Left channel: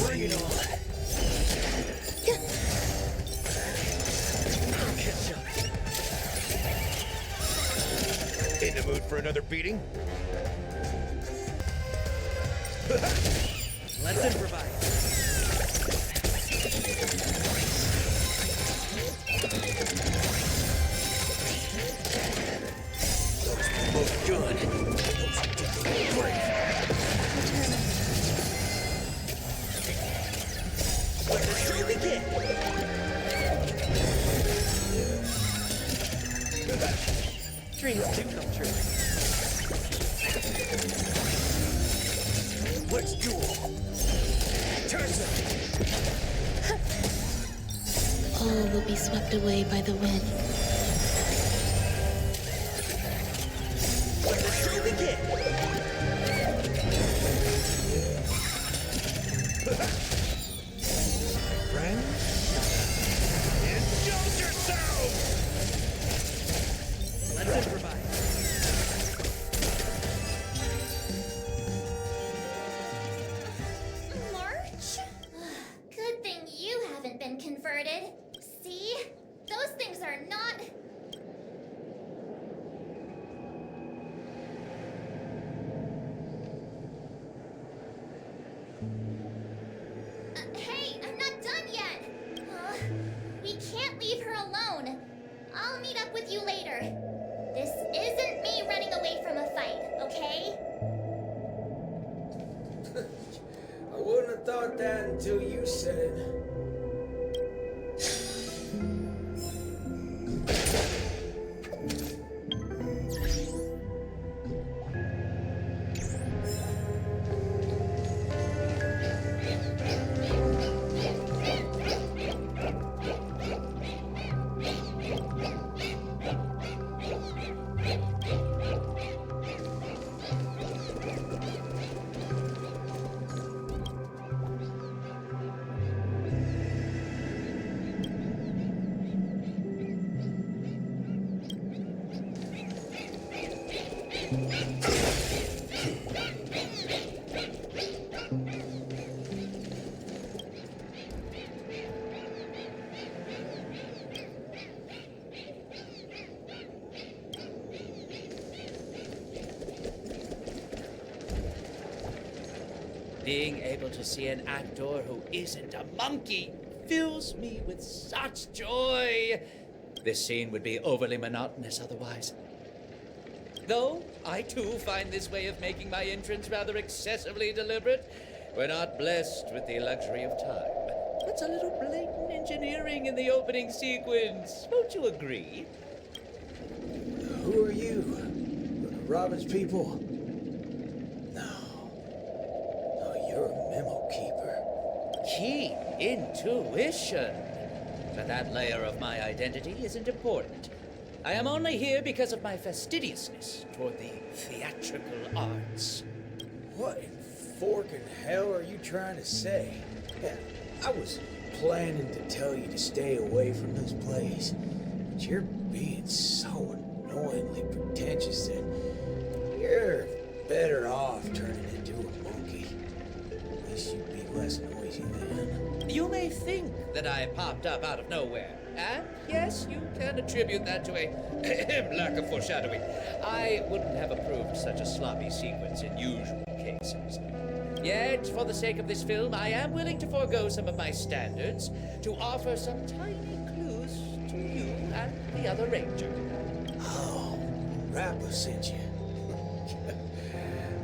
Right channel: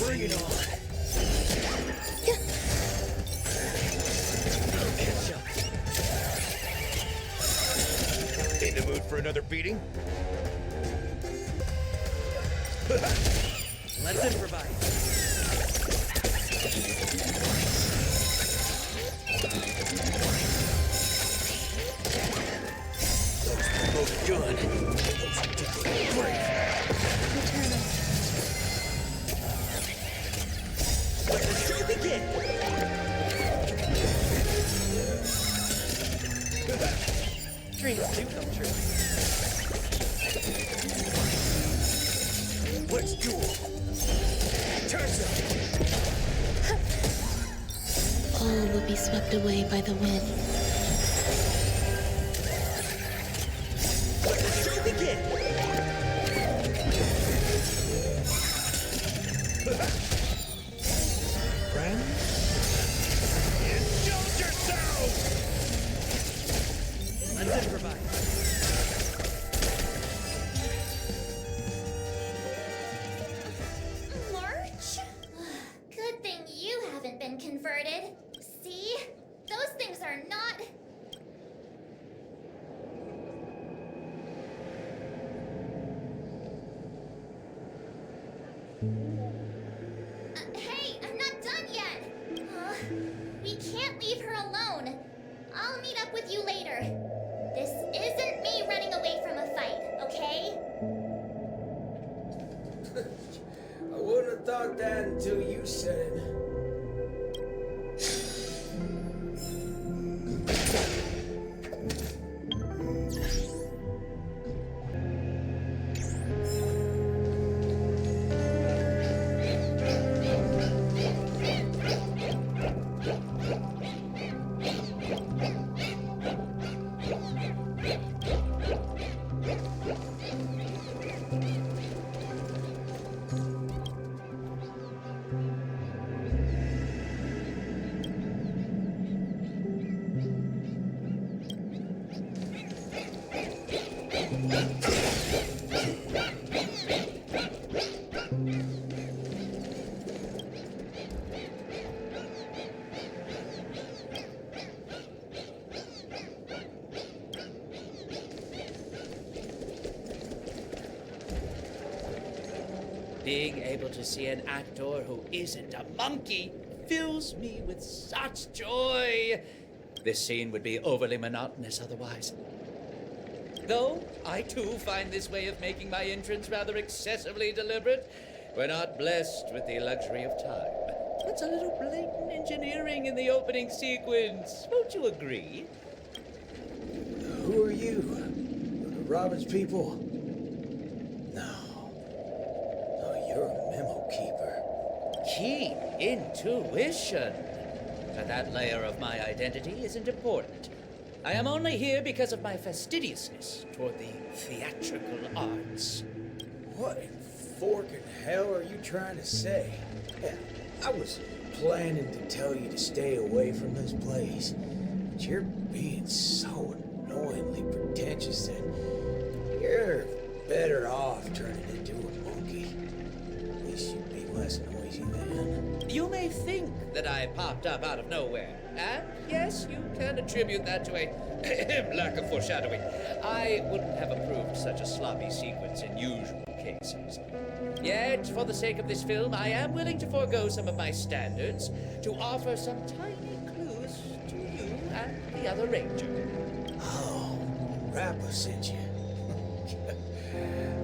Bring it on. I'll catch up. In the mood for another beating? Let's improvise. Those were both good. Those were great. Let the show begin! Dreams do come true. Let's duel. Turns up. All will be swept away by the wind. Let the show begin! Friends? Indulge yourselves! Let's improvise. March? Good thing you haven't been converted. See? Those things are not... Hey, I'm not done yet! We can't leave her alone. I'll meet up with you later. This isn't me running away from a fight, okay? I wouldn't have thought that until you said it. Being able to see an actor who isn't a monkey fills me with such joy. This scene would be overly monotonous otherwise. Though I too find this way of making my entrance rather excessively deliberate. We're not blessed with the luxury of time. That's a little blatant engineering in the opening sequence. Won't you agree? Who are you? Robin's people? No. No, you're a memo keeper. Keen intuition. But that layer of my identity isn't important. I am only here because of my fastidiousness toward the theatrical arts. What in forking hell are you trying to say? Yeah, I was planning to tell you to stay away from this place, but you're being so annoyingly pretentious that you're better off turning into a monkey. At least you'd be less noisy then. You may think that I popped up out of nowhere, and yes, you can attribute that to a lack of foreshadowing. I wouldn't have approved such a sloppy sequence in usual cases. Yet, for the sake of this film, I am willing to forego some of my standards to offer some tiny clues to you and the other ranger. Oh, Rappa sent you.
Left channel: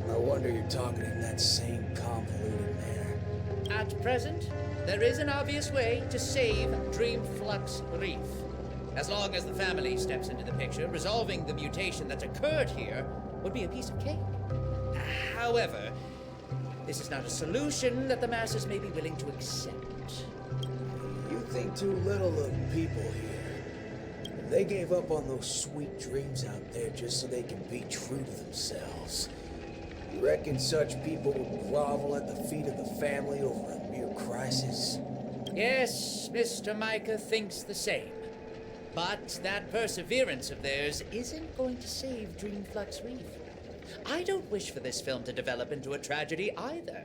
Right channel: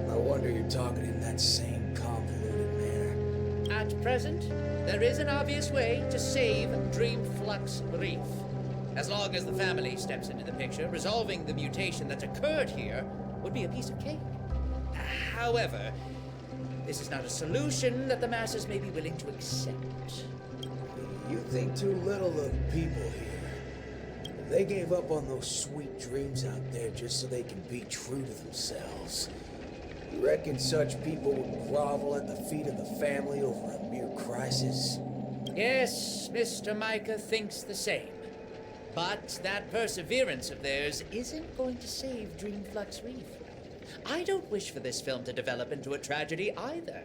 No wonder you're talking in that same convoluted manner. At present, there is an obvious way to save Dreamflux Reef. As long as the family steps into the picture, resolving the mutation that's occurred here would be a piece of cake. However, this is not a solution that the masses may be willing to accept. You think too little of people here. They gave up on those sweet dreams out there just so they can be true to themselves. You reckon such people would grovel at the feet of the family over a mere crisis? Yes, Mr. Micah thinks the same. But that perseverance of theirs isn't going to save Dreamflux Reef. I don't wish for this film to develop into a tragedy either.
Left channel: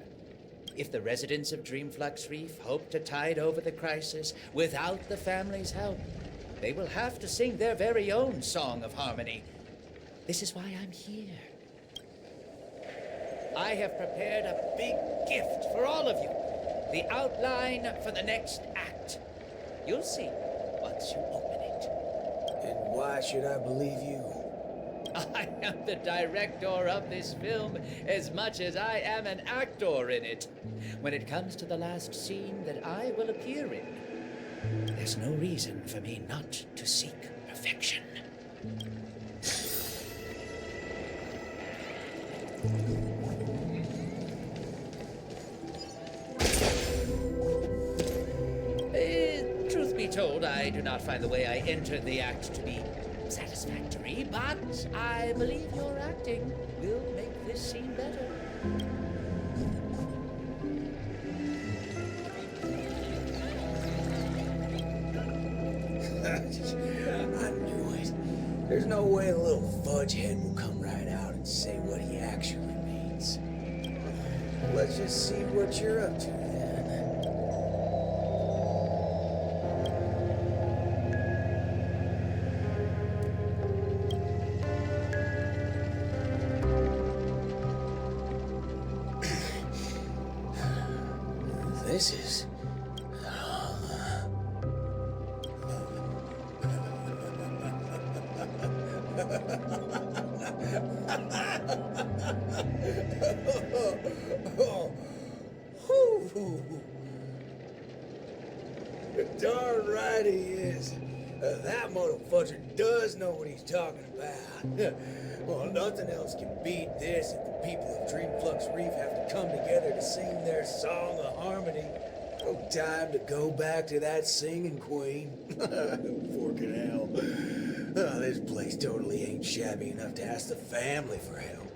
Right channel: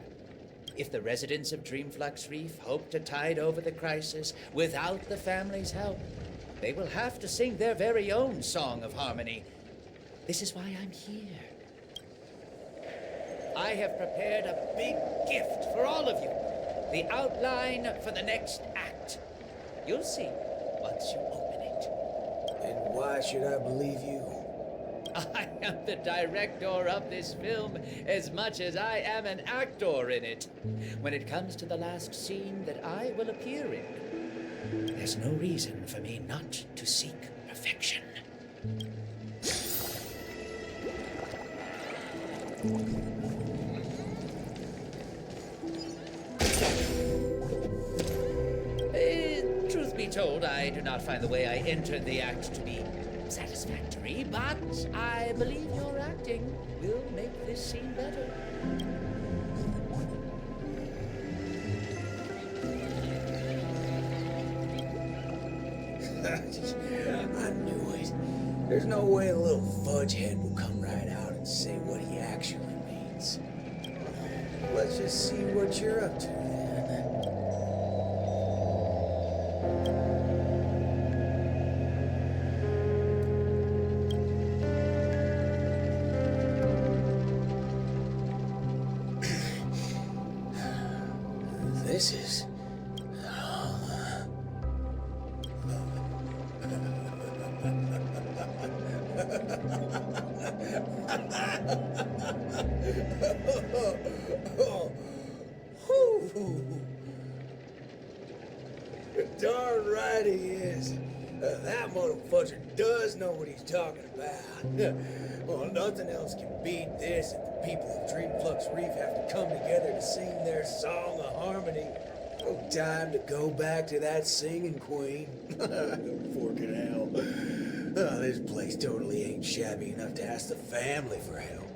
If the residents of Dreamflux Reef hope to tide over the crisis without the family's help, they will have to sing their very own song of harmony. This is why I'm here. I have prepared a big gift for all of you. The outline for the next act. You'll see once you open it. And why should I believe you? I am the director of this film as much as I am an actor in it. When it comes to the last scene that I will appear in, there's no reason for me not to seek perfection. Truth be told, I do not find the way I entered the act to be satisfactory, but I believe your acting will make this scene better. I knew it. There's no way a little fudge head will come right out and say what he actually means. Let's just see what you're up to then. This is... Darn right he is. That motherfucker does know what he's talking about. Well, nothing else can beat this if the people of Dreamflux Reef have to come together to sing their song of harmony. No time to go back to that singing queen. Forking hell. Oh, this place totally ain't shabby enough to ask the family for help.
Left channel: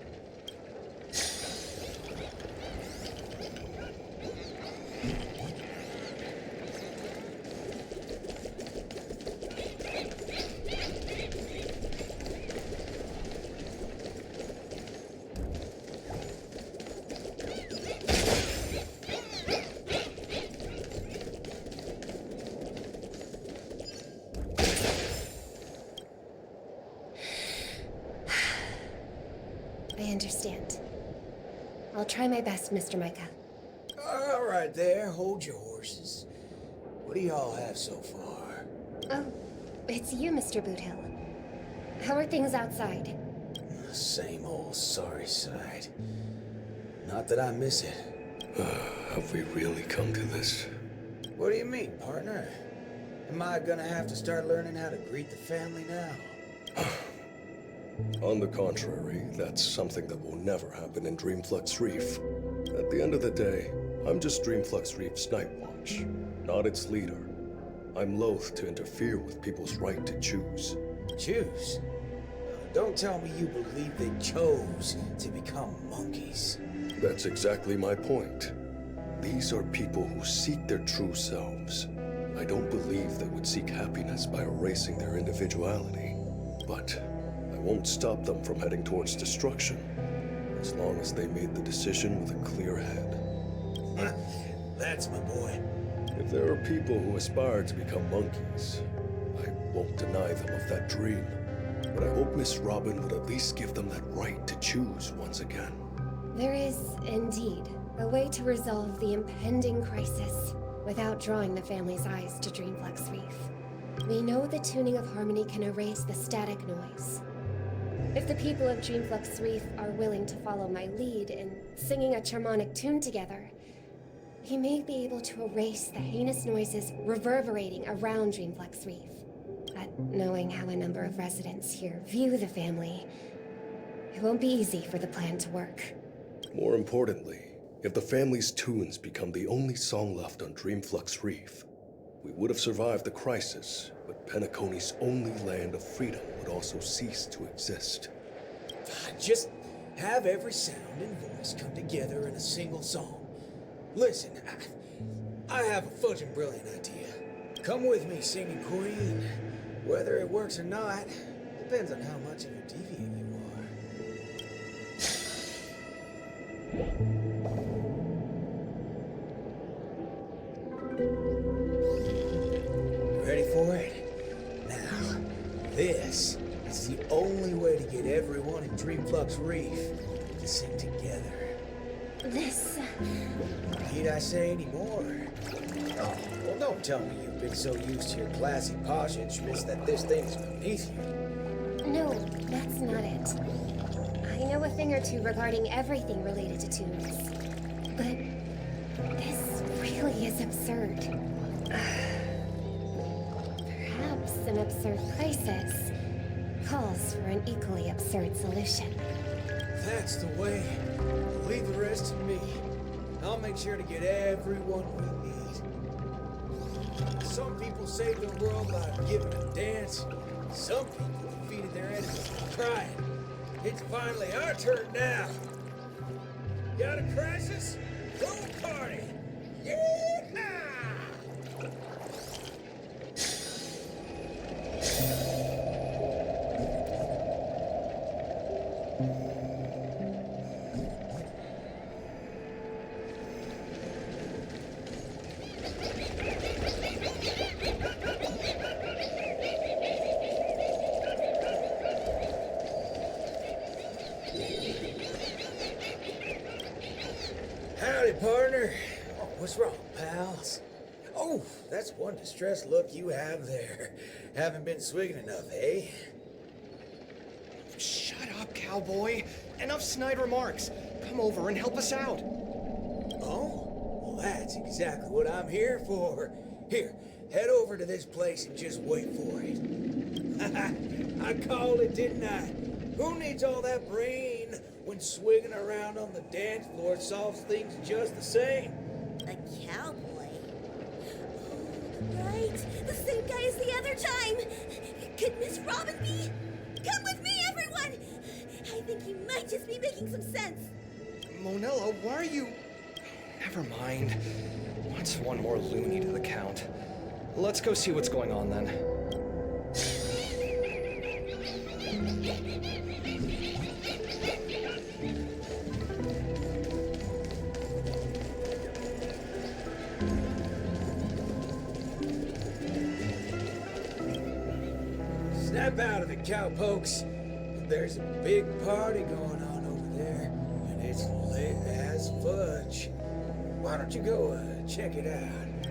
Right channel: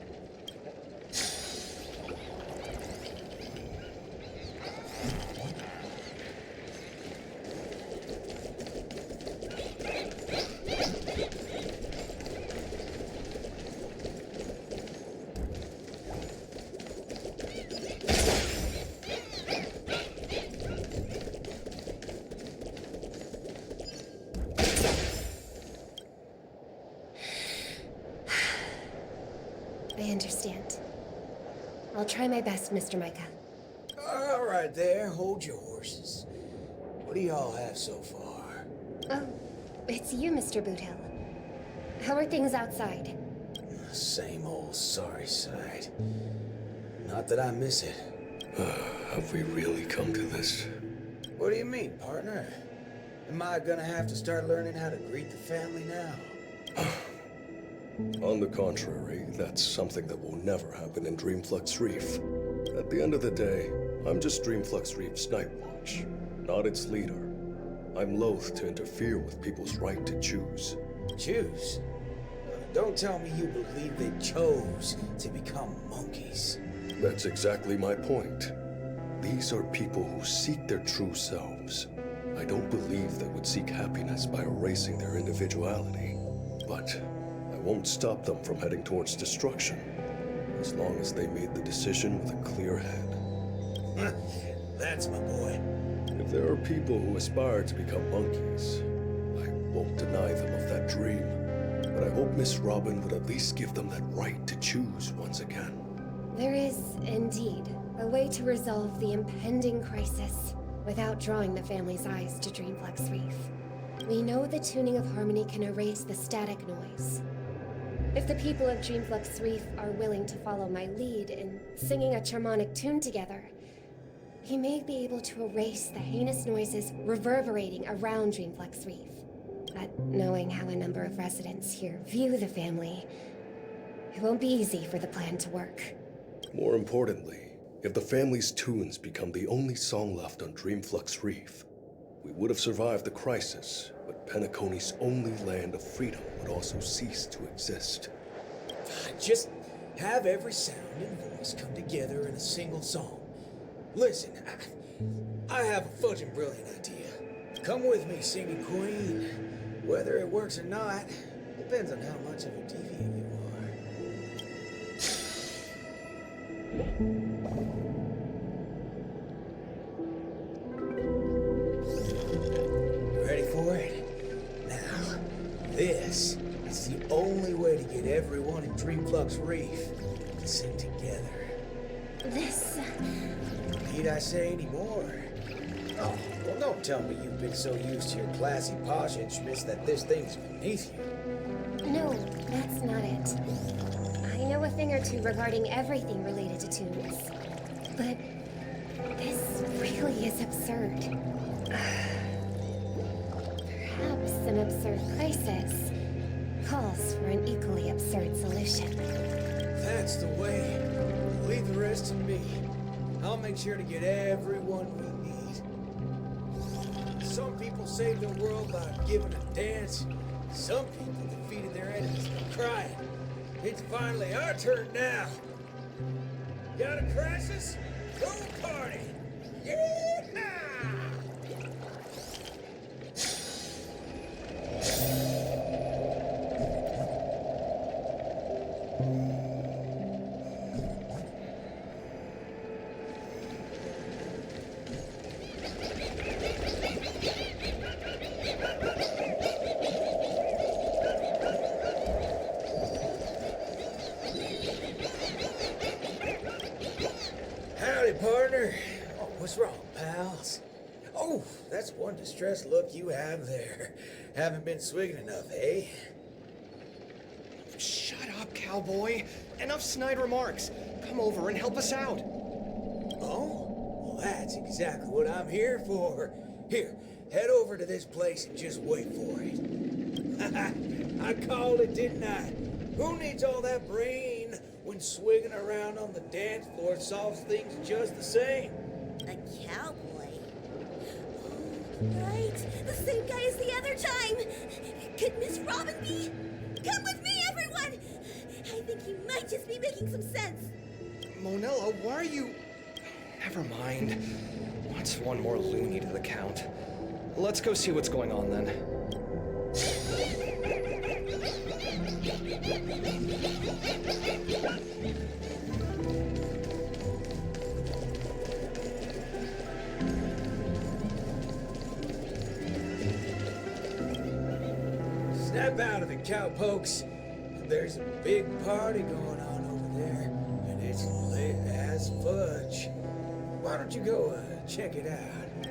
I understand. I'll try my best, Mr. Micah. All right there, hold your horses. What do y'all have so far? Oh, it's you, Mr. Boothill. How are things outside? Same old sorry sight. Not that I miss it. Have we really come to this? What do you mean, partner? Am I gonna have to start learning how to greet the family now? On the contrary, that's something that will never happen in Dreamflux Reef. At the end of the day, I'm just Dreamflux Reef's Night Watch, not its leader. I'm loath to interfere with people's right to choose. Choose? Don't tell me you believe they chose to become monkeys. That's exactly my point. These are people who seek their true selves. I don't believe they would seek happiness by erasing their individuality. But I won't stop them from heading towards destruction, as long as they made the decision with a clear head. That's my boy. If there are people who aspire to become monkeys, I won't deny them of that dream. But I hope Miss Robin would at least give them that right to choose once again. There is, indeed, a way to resolve the impending crisis without drawing the family's eyes to Dreamflux Reef. We know the tuning of harmony can erase the static noise. If the people of Dreamflux Reef are willing to follow my lead in singing a charmonic tune together, we may be able to erase the heinous noises reverberating around Dreamflux Reef. But knowing how a number of residents here view the family, it won't be easy for the plan to work. More importantly, if the family's tunes become the only song left on Dreamflux Reef, we would have survived the crisis, but Penacony's only land of freedom would also cease to exist. Just have every sound and voice come together in a single song. Listen, I have a fudging brilliant idea. Come with me, singing queen. Whether it works or not, depends on how much of a deviant you are. Ready for it? Now, this is the only way to get everyone in Dreamflux Reef to sing together. This. Need I say any more? Oh, well, don't tell me you've been so used to your classy posh instruments that this thing's beneath you. No, that's not it. I know a thing or two regarding everything related to tunes. But this really is absurd. Perhaps an absurd crisis calls for an equally absurd solution. That's the way. Leave the rest to me. I'll make sure to get everyone we need. Some people saved the world by giving a dance. Some people defeated their enemies by crying. It's finally our turn now. Got a crisis? Throw a party! Yeah! Howdy, partner. Oh, what's wrong, pals? Oh, that's one distressed look you have there. Haven't been swigging enough, eh? Shut up, cowboy. Enough snide remarks. Come over and help us out. Oh? Well, that's exactly what I'm here for. Here, head over to this place and just wait for it. I called it, didn't I? Who needs all that brain when swigging around on the dance floor solves things just the same? A cowboy? Oh, right. The same guy as the other time. Could Miss Robin be? Come with me, everyone! I think he might just be making some sense. Monella, why are you... Never mind. What's one more loony to the count? Let's go see what's going on then. Snap out of it, cowpokes. There's a big party going on over there, and it's lit as fudge. Why don't you go check it out?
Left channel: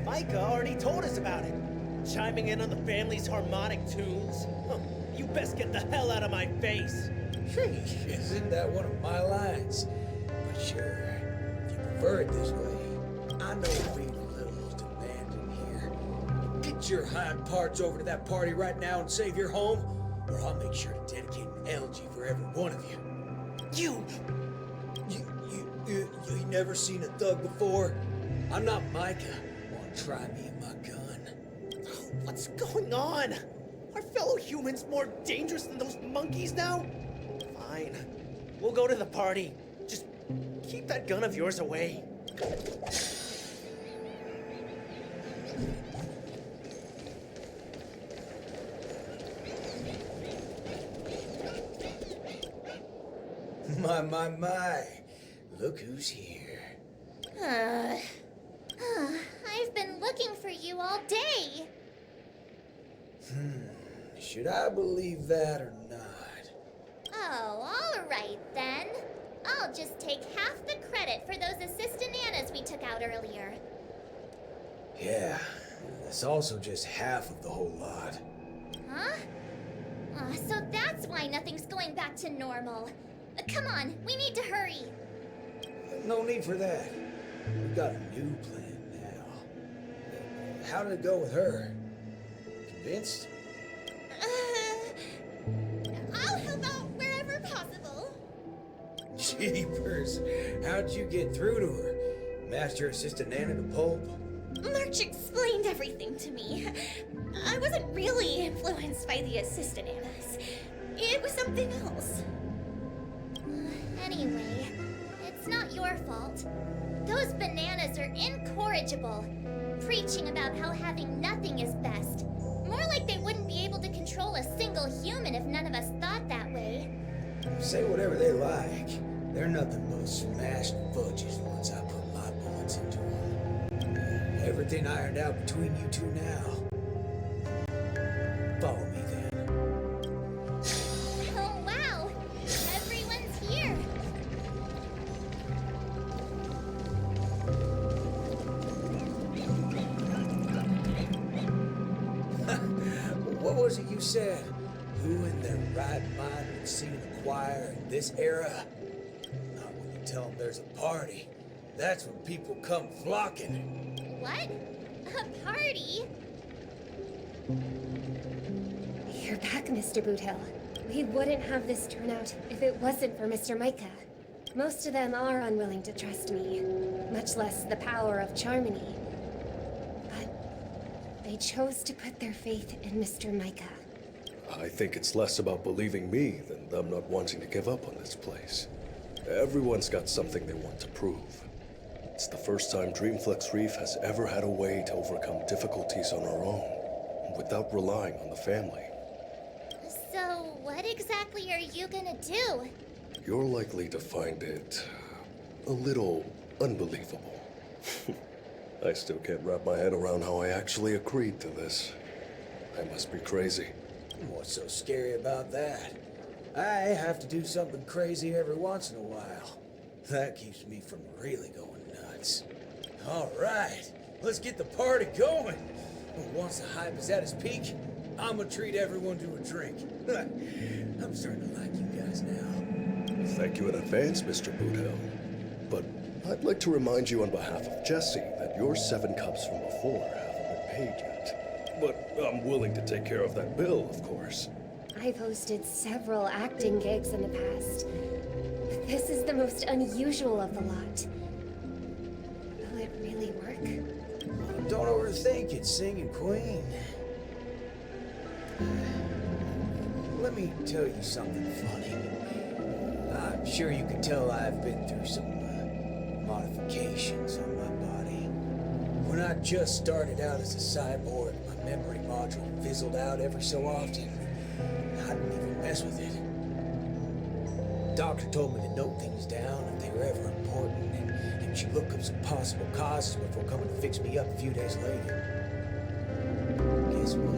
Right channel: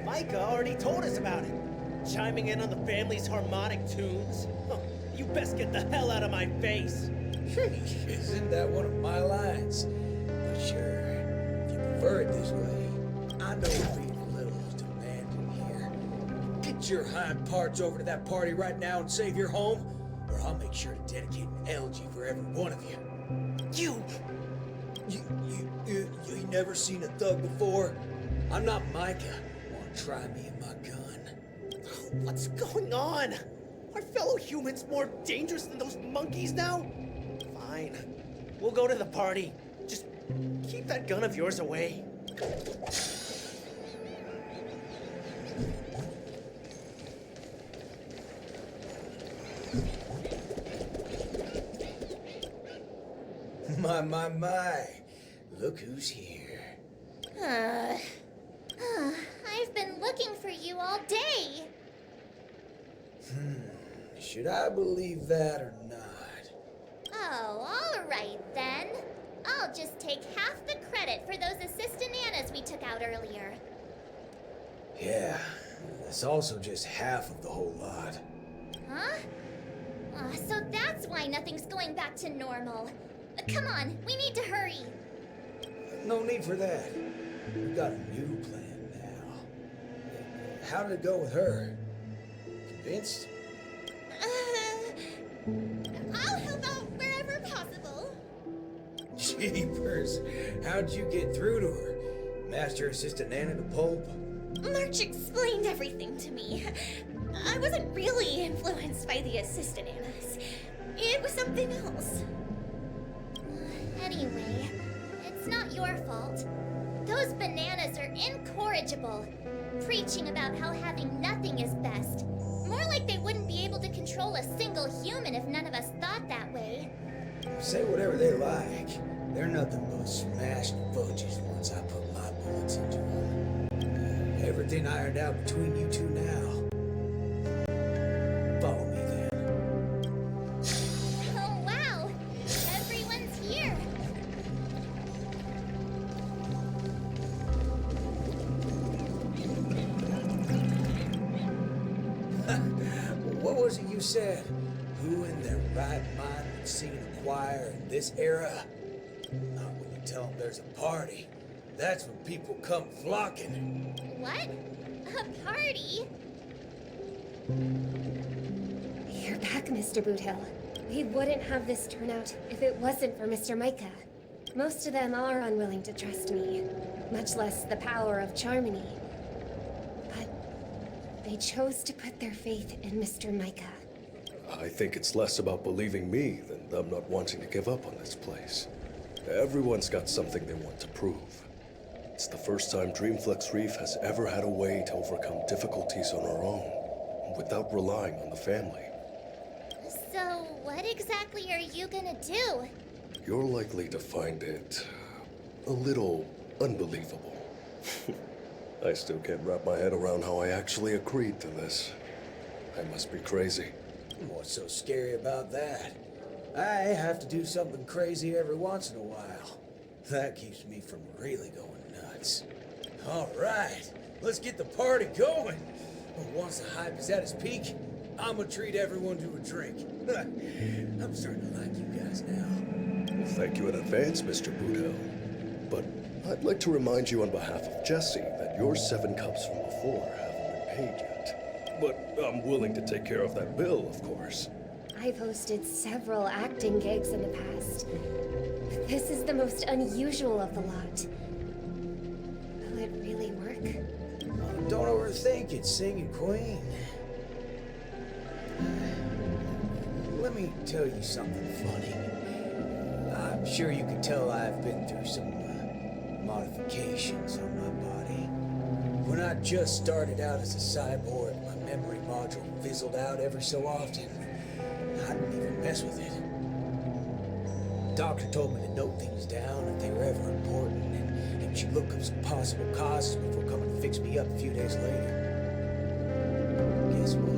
Micah already told us about it. Chiming in on the family's harmonic tunes? Huh, you best get the hell out of my face. Isn't that one of my lines? But sure, if you prefer it this way, I know being a little demanding here. Get your hind parts over to that party right now and save your home, or I'll make sure to dedicate an elegy for every one of you. You never seen a thug before? I'm not Micah. Wanna try me and my gun? Oh, what's going on? Are fellow humans more dangerous than those monkeys now? Fine. We'll go to the party. Just keep that gun of yours away. My. Look who's here. I've been looking for you all day. Should I believe that or not? Oh, all right then. I'll just take half the credit for those assistant nanas we took out earlier. Yeah, it's also just half of the whole lot. Huh? So that's why nothing's going back to normal. Come on, we need to hurry. No need for that. We've got a new plan now. How did it go with her? Convinced? I'll help out wherever possible. Jeepers, how'd you get through to her? Master Assistant Nana to pulp? March explained everything to me. I wasn't really influenced by the assistant Annas. It was something else. Anyway, it's not your fault. Those bananas are incorrigible, preaching about how having nothing is best. More like they wouldn't be able to control a single human if none of us thought that way. Say whatever they like. They're nothing but smashed fudges once I put my bullets into them. Everything ironed out between you two now. Follow me then. Oh wow! Everyone's here! What was it you said? Who in their right mind would sing in a choir in this era? Not when you tell them there's a party. That's when people come flocking. What? A party? You're back, Mr. Boothill. We wouldn't have this turnout if it wasn't for Mr. Micah. Most of them are unwilling to trust me, much less the power of Charmony. But they chose to put their faith in Mr. Micah. I think it's less about believing me than them not wanting to give up on this place. Everyone's got something they want to prove. It's the first time Dreamflex Reef has ever had a way to overcome difficulties on our own, without relying on the family. So, what exactly are you gonna do? You're likely to find it a little unbelievable. I still can't wrap my head around how I actually agreed to this. I must be crazy. What's so scary about that? I have to do something crazy every once in a while. That keeps me from really going nuts. All right, let's get the party going. Once the hype is at its peak, I'm gonna treat everyone to a drink. I'm starting to like you guys now. Well, thank you in advance, Mr. Boothill. But I'd like to remind you on behalf of Jesse that your 7 cups from before haven't been paid yet. But I'm willing to take care of that bill, of course. I've hosted several acting gigs in the past, but this is the most unusual of the lot. Will it really work? Don't overthink it, Singing Queen. Let me tell you something funny. I'm sure you can tell I've been through some modifications on my body. When I just started out as a cyborg, my memory module fizzled out every so often. I didn't even mess with it. Doctor told me to note things down if they were ever important, and she'd look up some possible causes before coming to fix me up a few days later. Guess what?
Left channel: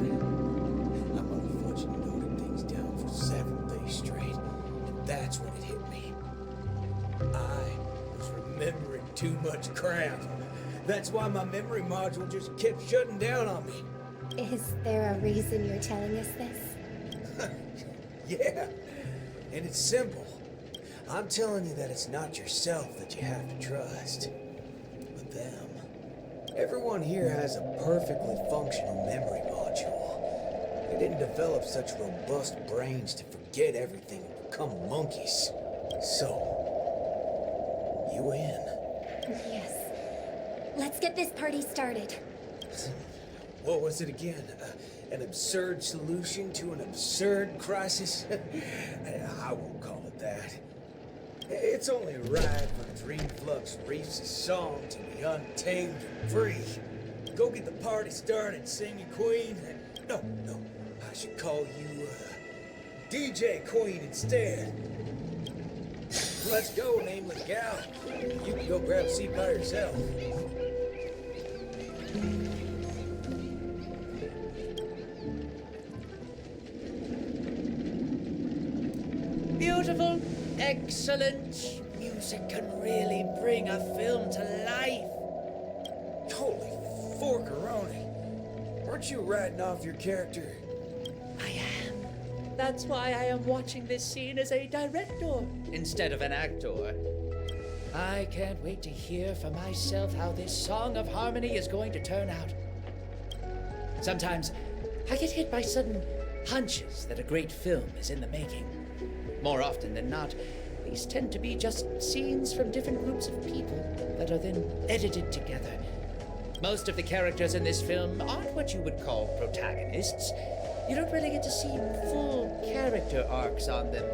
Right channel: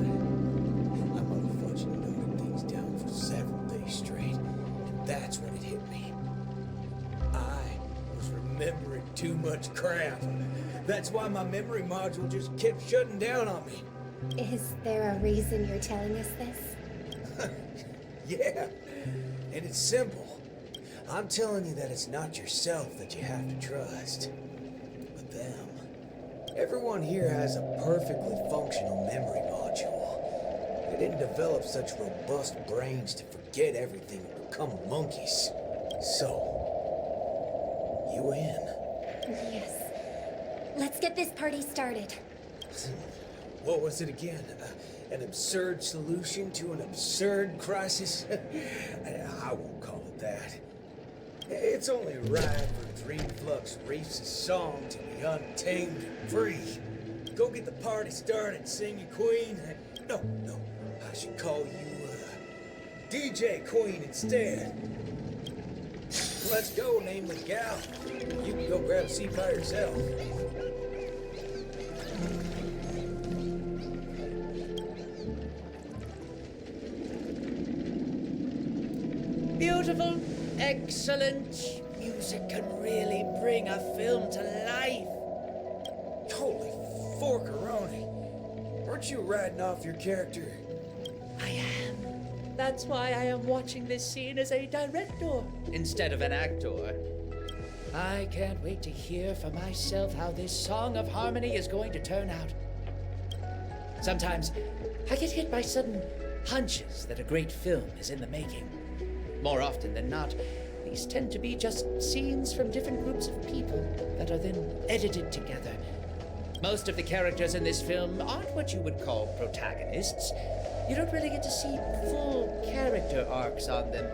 I motherfucking noted things down for several days straight, and that's when it hit me. I was remembering too much crap. That's why my memory module just kept shutting down on me. Is there a reason you're telling us this? Yeah, and it's simple. I'm telling you that it's not yourself that you have to trust, but them. Everyone here has a perfectly functional memory module. They didn't develop such robust brains to forget everything and become monkeys. So, you in? Yes. Let's get this party started. What was it again? An absurd solution to an absurd crisis? I won't call it that. It's only right for Dreamflux Reef's song to be untamed and free. Go get the party started, Singing Queen. No, I should call you DJ Queen instead. Let's go, nameless gal. You can go grab a seat by yourself. Beautiful, excellent. Music can really bring a film to life. Holy forkaroni. Weren't you writing off your character? I am. That's why I am watching this scene as a director instead of an actor. I can't wait to hear for myself how this Song of Harmony is going to turn out. Sometimes I get hit by sudden hunches that a great film is in the making. More often than not, These tend to be just scenes from different groups of people that are then edited together. Most of the characters in this film aren't what you would call protagonists. You don't really get to see full character arcs on them,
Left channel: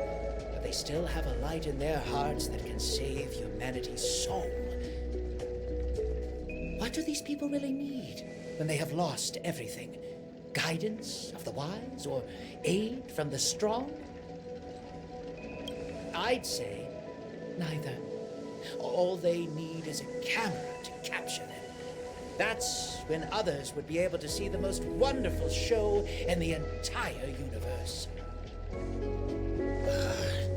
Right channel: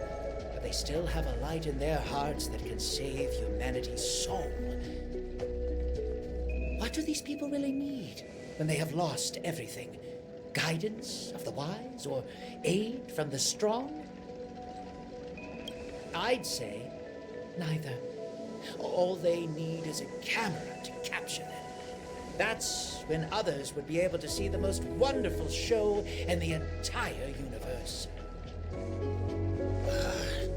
but they still have a light in their hearts that can save humanity's soul. What do these people really need when they have lost everything? Guidance of the wise or aid from the strong? I'd say neither. All they need is a camera to capture them. That's when others would be able to see the most wonderful show in the entire universe.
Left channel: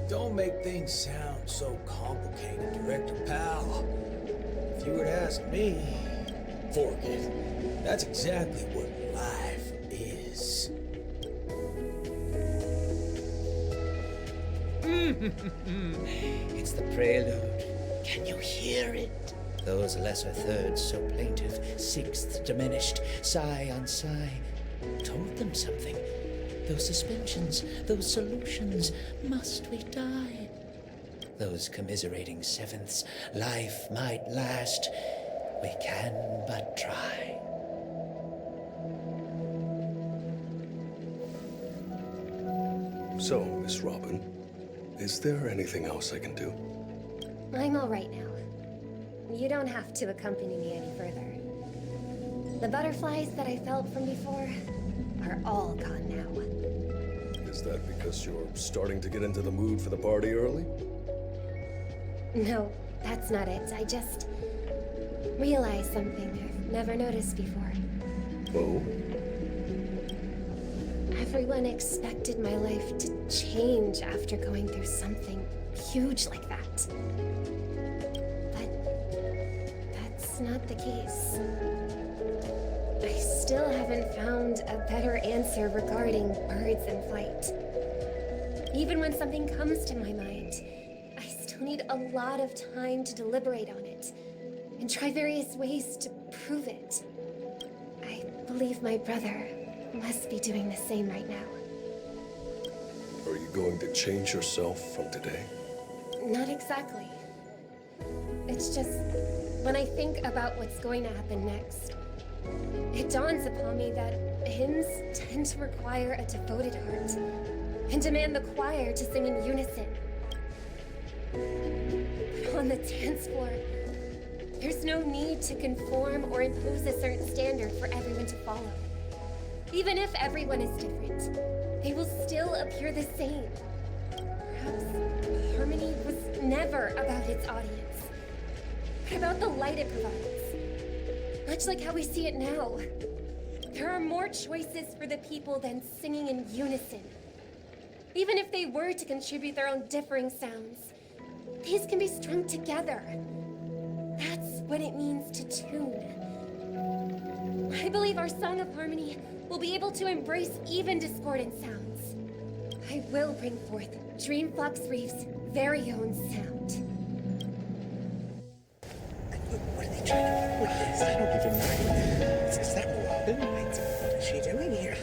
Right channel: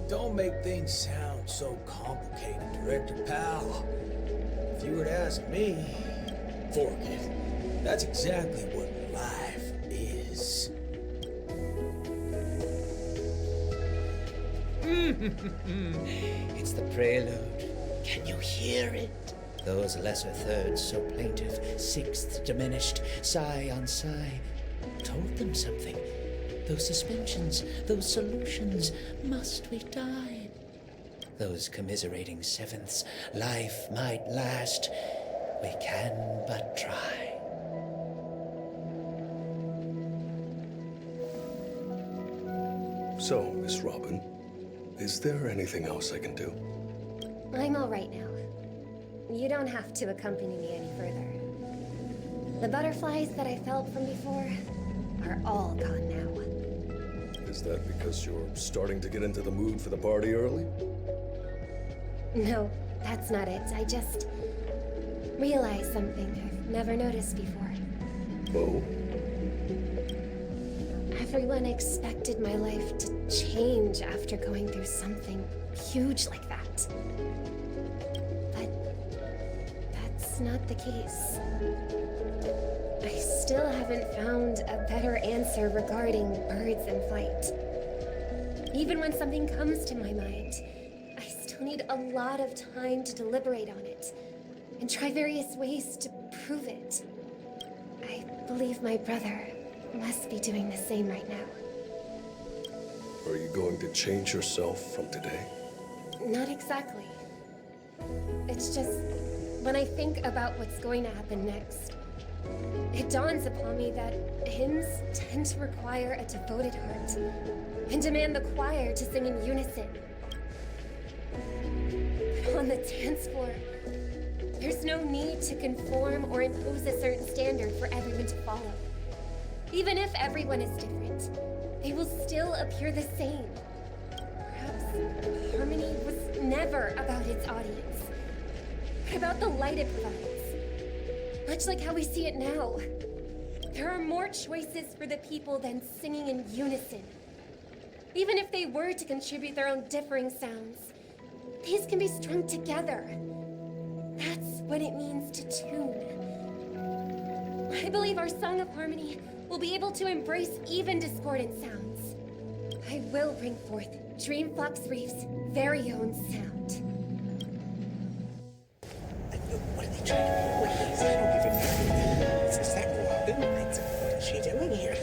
Don't make things sound so complicated, Director Pal. If you were to ask me, fork it. That's exactly what life is. It's the prelude. Can you hear it? Those lesser thirds so plaintive, sixths diminished, sigh on sigh, told them something. Those suspensions, those solutions, must we die? Those commiserating sevenths, life might last, we can but try. So, Miss Robin, is there anything else I can do? I'm all right now. You don't have to accompany me any further. The butterflies that I felt from before are all gone now. Is that because you're starting to get into the mood for the party early? No, that's not it. I just realized something I've never noticed before. Oh? Everyone expected my life to change after going through something huge like that. But that's not the case. I still haven't found a better answer regarding birds in flight. Even when something comes to my mind, I still need a lot of time to deliberate on it and try various ways to prove it. I believe my brother must be doing the same right now. Are you going to change yourself from today? Not exactly. It's just, when I think about what's going to happen next, it dawns upon me that hymns tend to require a devoted heart and demand the choir to sing in unison. But on the dance floor, there's no need to conform or impose a certain standard for everyone to follow. Even if everyone is different, they will still appear the same. Perhaps harmony was never about its audience, but about the light it provides. Much like how we see it now. There are more choices for the people than singing in unison. Even if they were to contribute their own differing sounds, these can be strung together. That's what it means to tune. I believe our Song of Harmony will be able to embrace even discordant sounds. I will bring forth Dreamflux Reef's very own sound. What are they trying to do with this? I don't even know. Is that Robin? What's she doing here?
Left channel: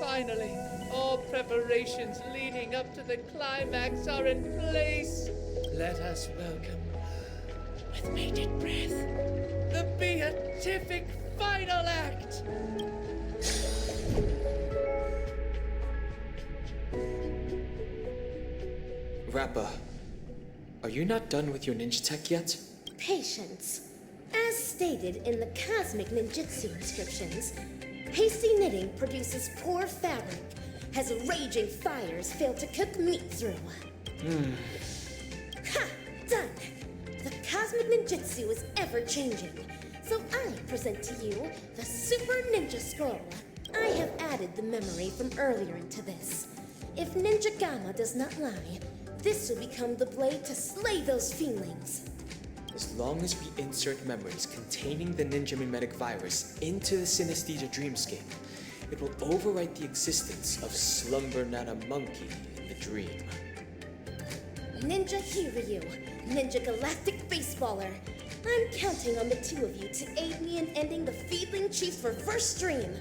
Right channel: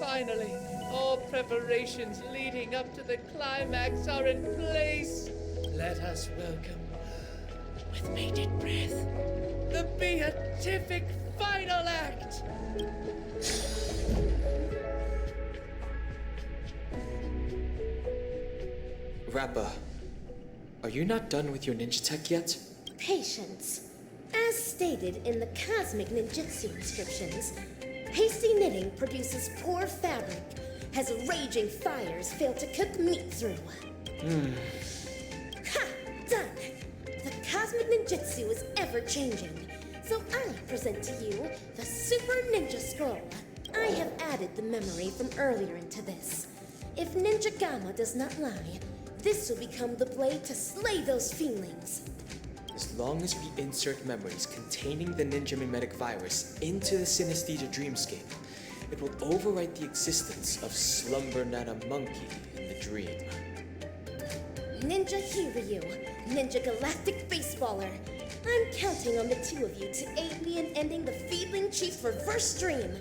Finally, all preparations leading up to the climax are in place. Let us welcome, with bated breath, the beatific final act. Rappa, are you not done with your ninja tech yet? Patience. As stated in the Cosmic Ninjutsu inscriptions, hasty knitting produces poor fabric, as raging fires fail to cook meat through. Ha! Done! The cosmic ninjutsu is ever-changing. So I present to you the Super Ninja Scroll. I have added the memory from earlier into this. If Ninja Gamma does not lie, this will become the blade to slay those fiendlings. As long as we insert memories containing the ninja mimetic virus into the synesthesia dreamscape, it will overwrite the existence of Slumber Nana Monkey in the dream. Ninja Hiryu, Ninja Galactic Baseballer. I'm counting on the two of you to aid me in ending the Fiendling Chief's reverse dream.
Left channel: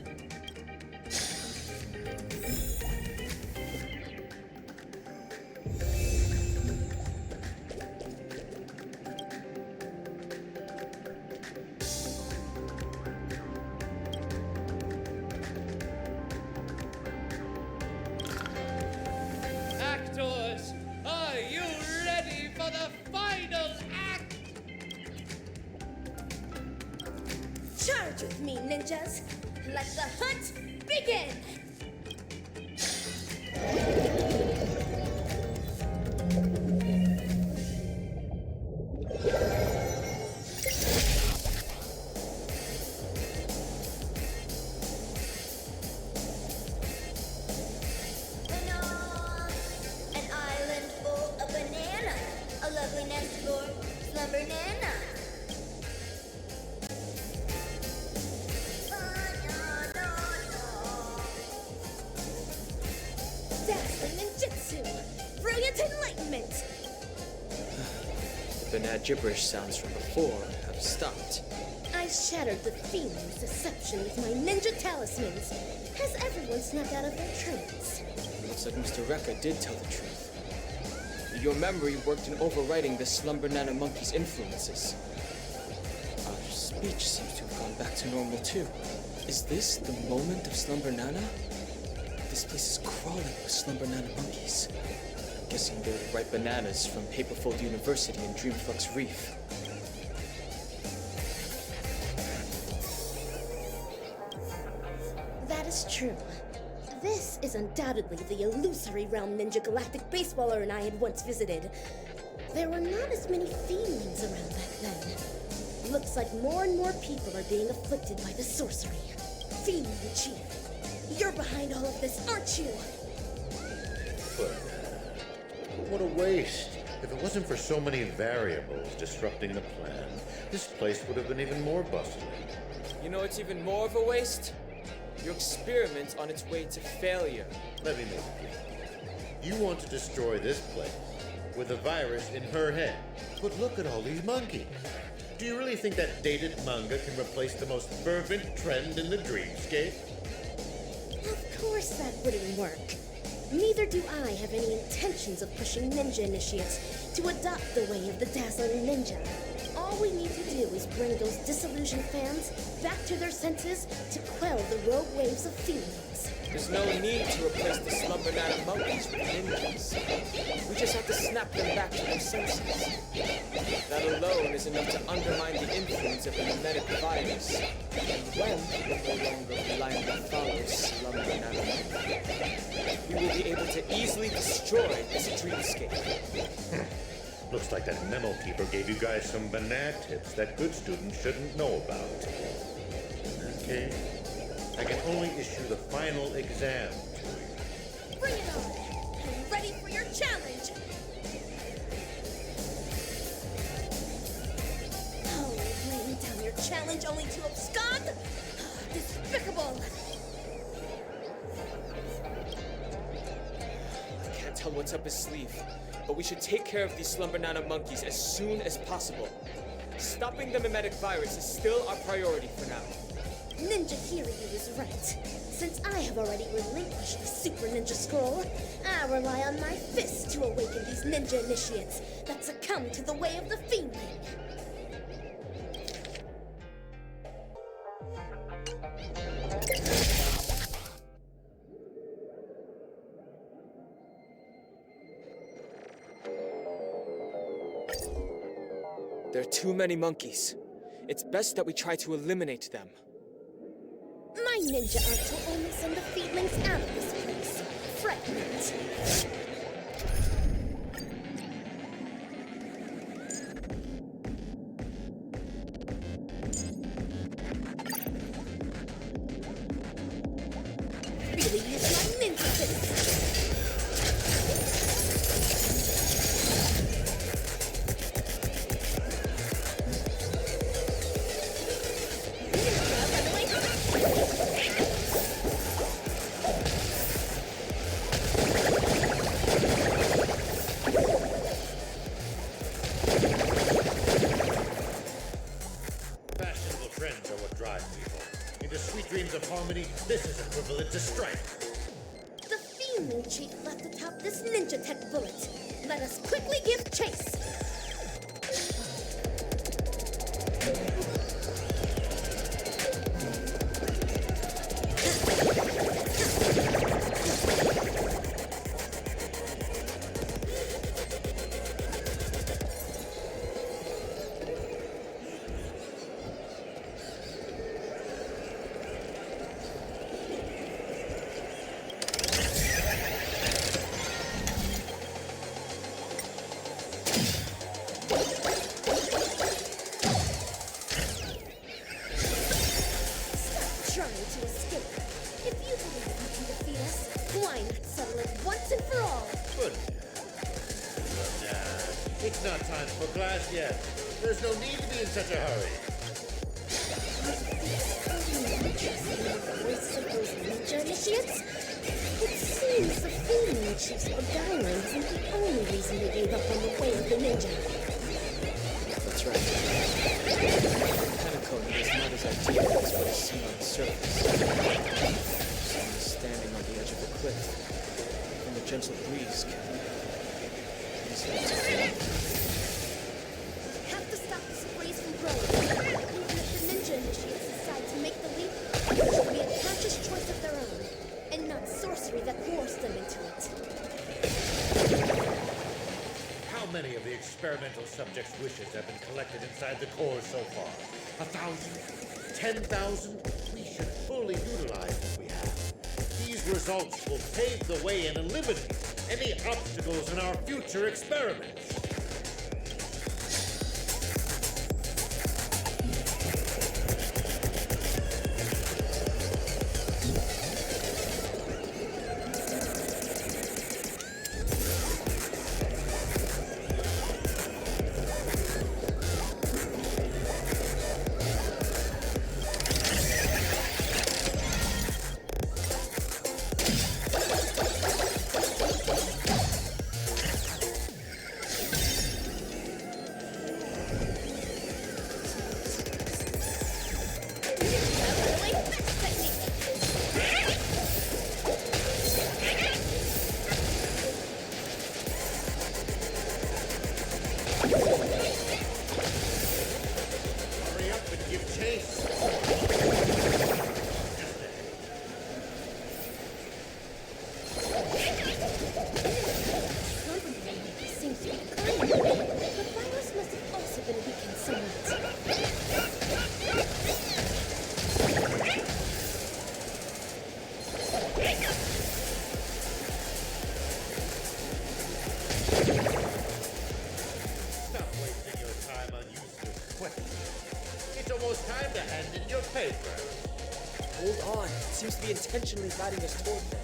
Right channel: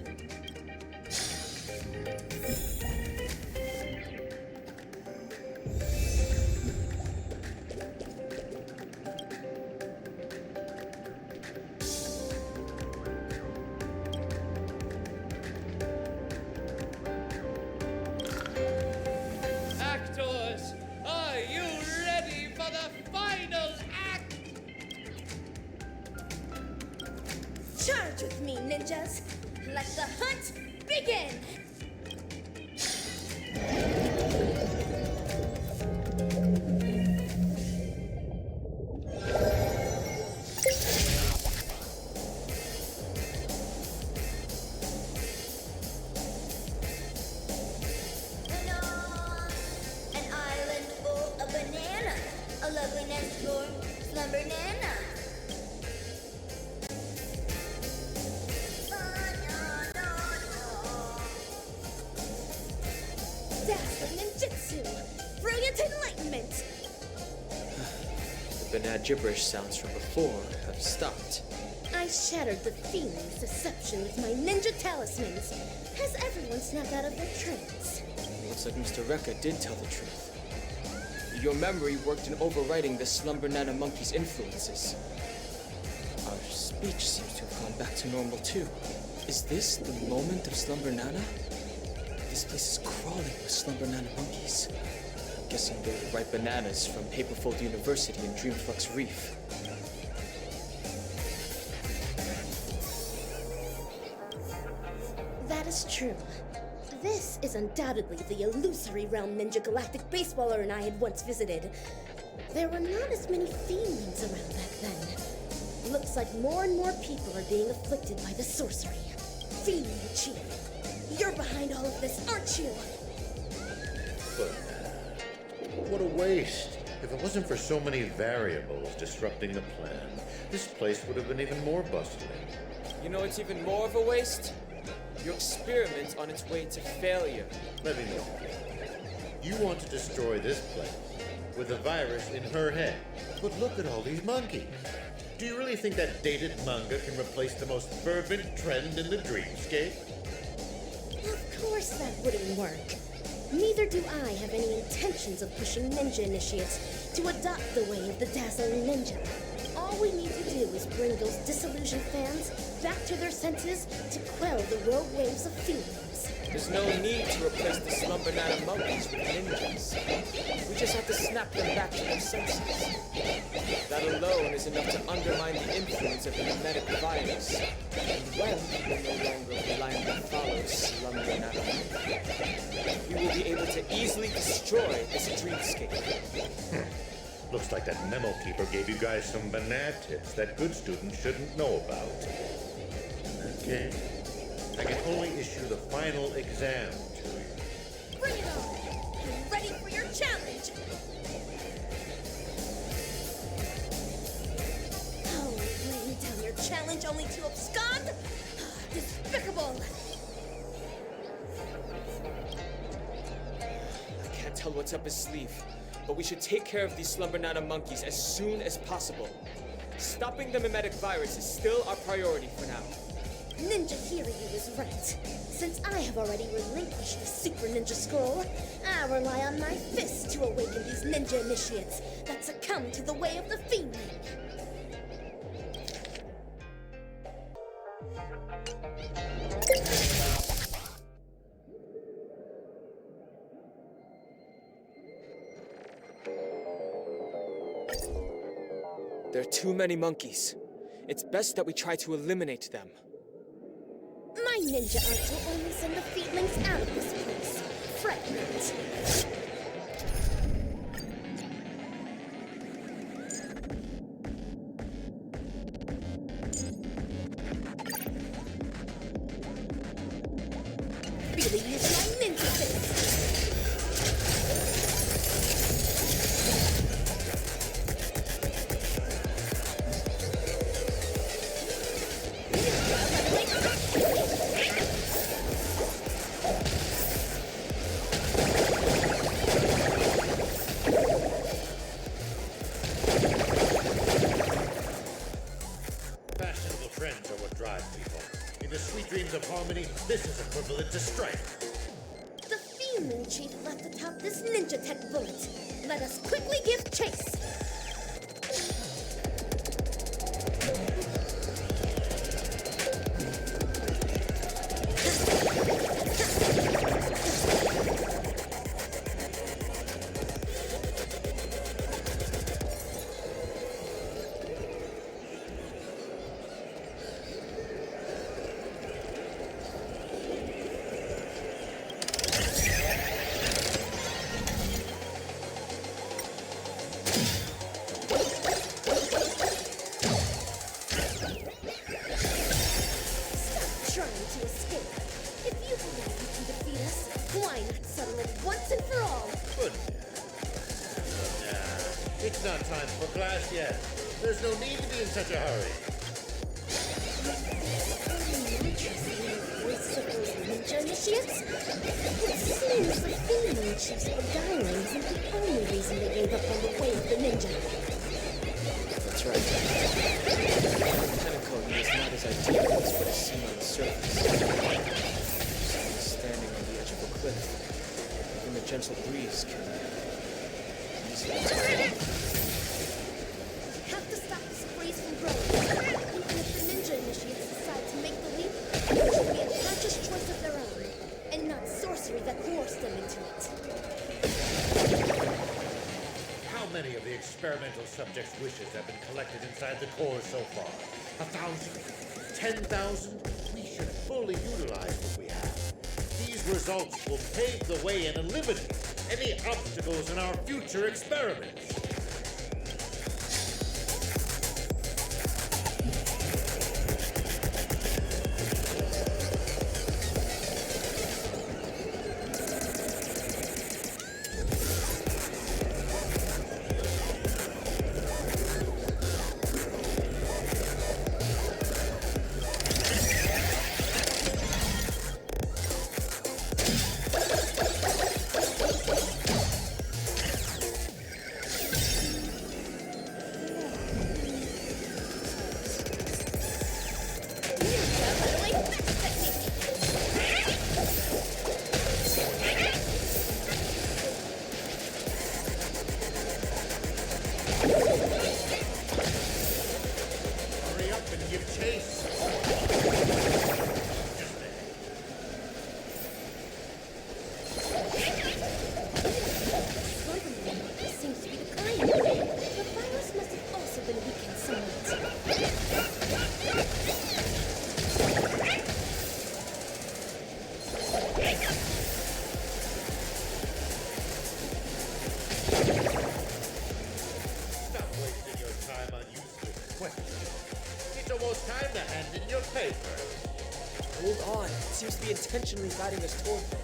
Actors, are you ready for the final act? Charge with me, ninjas! Let the hunt begin! An island full of bananas. A lovely nest for Slumber Nana. Dazzling ninjutsu! Brilliant enlightenment! The banana gibberish sounds from before have stopped. I shattered the fiendling's deception with my ninja talismans. Has everyone snapped out of their trance? It looks like Mr. Rekka did tell the truth. Your memory worked in overwriting the Slumber Nana Monkey's influences. Our speech seems to have gone back to normal too. Is this the moment of Slumber Nana? This place is crawling with Slumber Nana monkeys. I'm guessing they're the right bananas from Paperfold University and Dreamflux Reef. That is true. This is undoubtedly the illusory realm Ninja Galactic Baseballer and I had once visited. There were not as many fiendlings around back then. Looks like more and more people are being afflicted by the sorcery. Fiendling Chief, you're behind all of this, aren't you? But what a waste. If it wasn't for so many variables disrupting the plan, this place would have been even more bustling. You know it's even more of a waste? Your experiment's on its way to failure. Let me make it clear. You want to destroy this place with a virus in her head. But look at all these monkeys. Do you really think that dated manga can replace the most fervent trend in the dreamscape? Of course that wouldn't work. Neither do I have any intentions of pushing ninja initiates to adopt the way of the dazzling ninja. All we need to do is bring those disillusioned fans back to their senses to quell the rogue waves of feelings. There's no need to replace the Slumber Nana monkeys with ninjas. We just have to snap them back to their senses. That alone is enough to undermine the influence of the mimetic virus. And when people no longer blindly follow Slumber Nana monkey, we will be able to easily destroy this dreamscape. Looks like that memo keeper gave you guys some banana tips that good students shouldn't know about. In that case, I can only issue the final exam to you. Bring it on! I'm ready for your challenge! Oh, laying down your challenge only to abscond? Despicable! I can't tell what's up his sleeve, but we should take care of these Slumber Nana monkeys as soon as possible. Stopping the mimetic virus is still our priority for now. Ninja Hiryu is right. Since I have already relinquished the Super Ninja Scroll, I rely on my fists to awaken these ninja initiates that succumb to the way of the Fiendling. There are too many monkeys. It's best that we try to eliminate them. My ninja arts will only send the Fiendlings out of this place. Fret not. really use my ninja fist. Fashionable trends are what drive people. Into sweet dreams of harmony, this is equivalent to strife. The Fiend Chief left atop this ninja tech bullet. Let us quickly give chase. Trying to escape. If you believe you can defeat us, why not settle it once and for all? But nah, it's not time for class yet. There's no need to be in such a hurry. These floating mantras in the voices of those ninja initiates? It seems the Fiend Chief's beguiling isn't the only reason they gave up on the way of the ninja. That's right. Penacone is not as ideal as what is seen on the surface. Someone standing on the edge of a cliff. Even the gentle breeze can easily tear it. We have to stop this breeze from growing. Even if the ninja initiates decide to make the leap, it should be a conscious choice of their own, and not sorcery that coerced them into it. How many of the experimental subjects' wishes have been collected inside the core so far? 1,000? 10,000? We should fully utilize what we have. These results will pave the way and eliminate any obstacles in our future experiments. Hurry up and give chase. Just there. Slumber animal seems to be declining. The virus must have also been weakened somewhat. Stop wasting your time on useless questions. It's almost time to hand in your paper. Hold on. It seems to be intentionally guiding us toward them.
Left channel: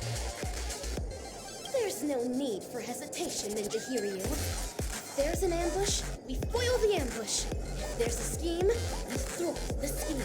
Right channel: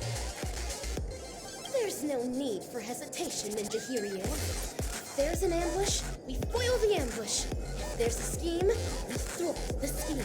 There's no need for hesitation, Ninja Hiryu. If there's an ambush, we foil the ambush. If there's a scheme, we thwart the scheme.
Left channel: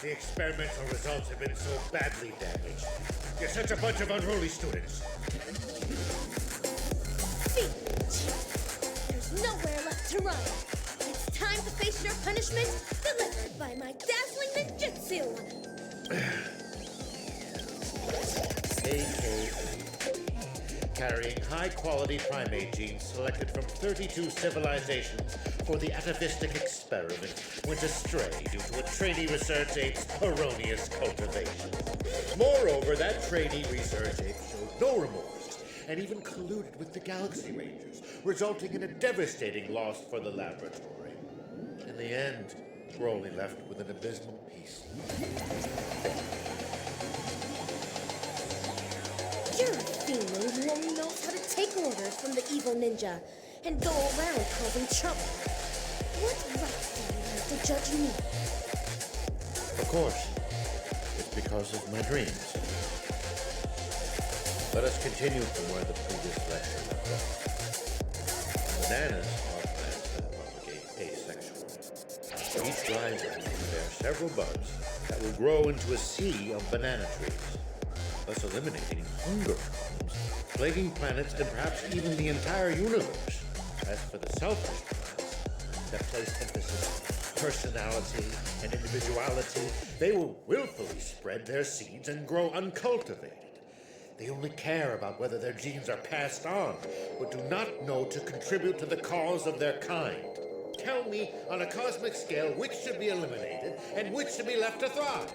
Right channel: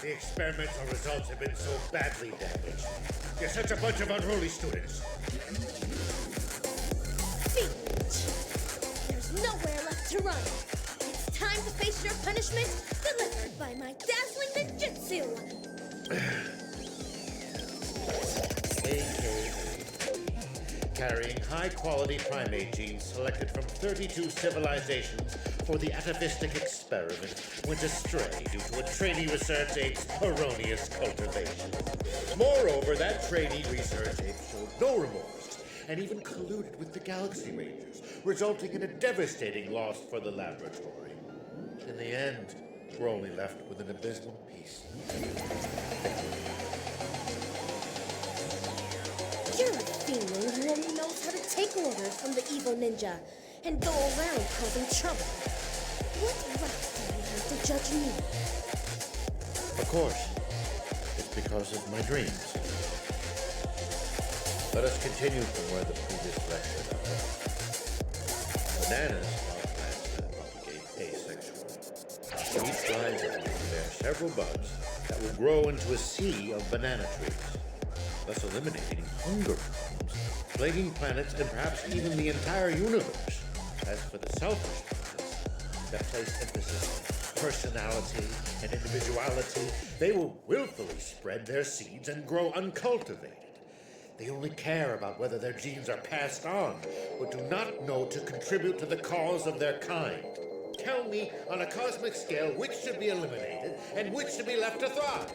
The experimental results have been so badly damaged. You're such a bunch of unruly students. There's nowhere left to run. It's time to face your punishment, delivered by my dazzling ninjutsu. AKA, carrying high-quality primate genes selected from 32 civilizations for the atavistic experiment, went astray due to a trainee research ape's erroneous cultivation. Moreover, that trainee research ape showed no remorse and even colluded with the Galaxy Rangers, resulting in a devastating loss for the laboratory. In the end, we're only left with an abysmal piece. You're a fiendling who only knows how to take orders from the evil ninja and go around causing trouble. What right do you have to judge me? Of course, it's because of my dreams. Let us continue from where the previous lecture left off. Bananas are plants that propagate asexually. Each rhizome will bear several buds that will grow into a sea of banana trees, thus eliminating hunger problems, plaguing planets and perhaps even the entire universe. As for the selfish plants that place emphasis on personality and individuality, they will willfully spread their seeds and grow uncultivated. They only care about whether their genes are passed on, but do not know to contribute to the cause of their kind. Tell me, on a cosmic scale, which should be eliminated and which should be left to thrive?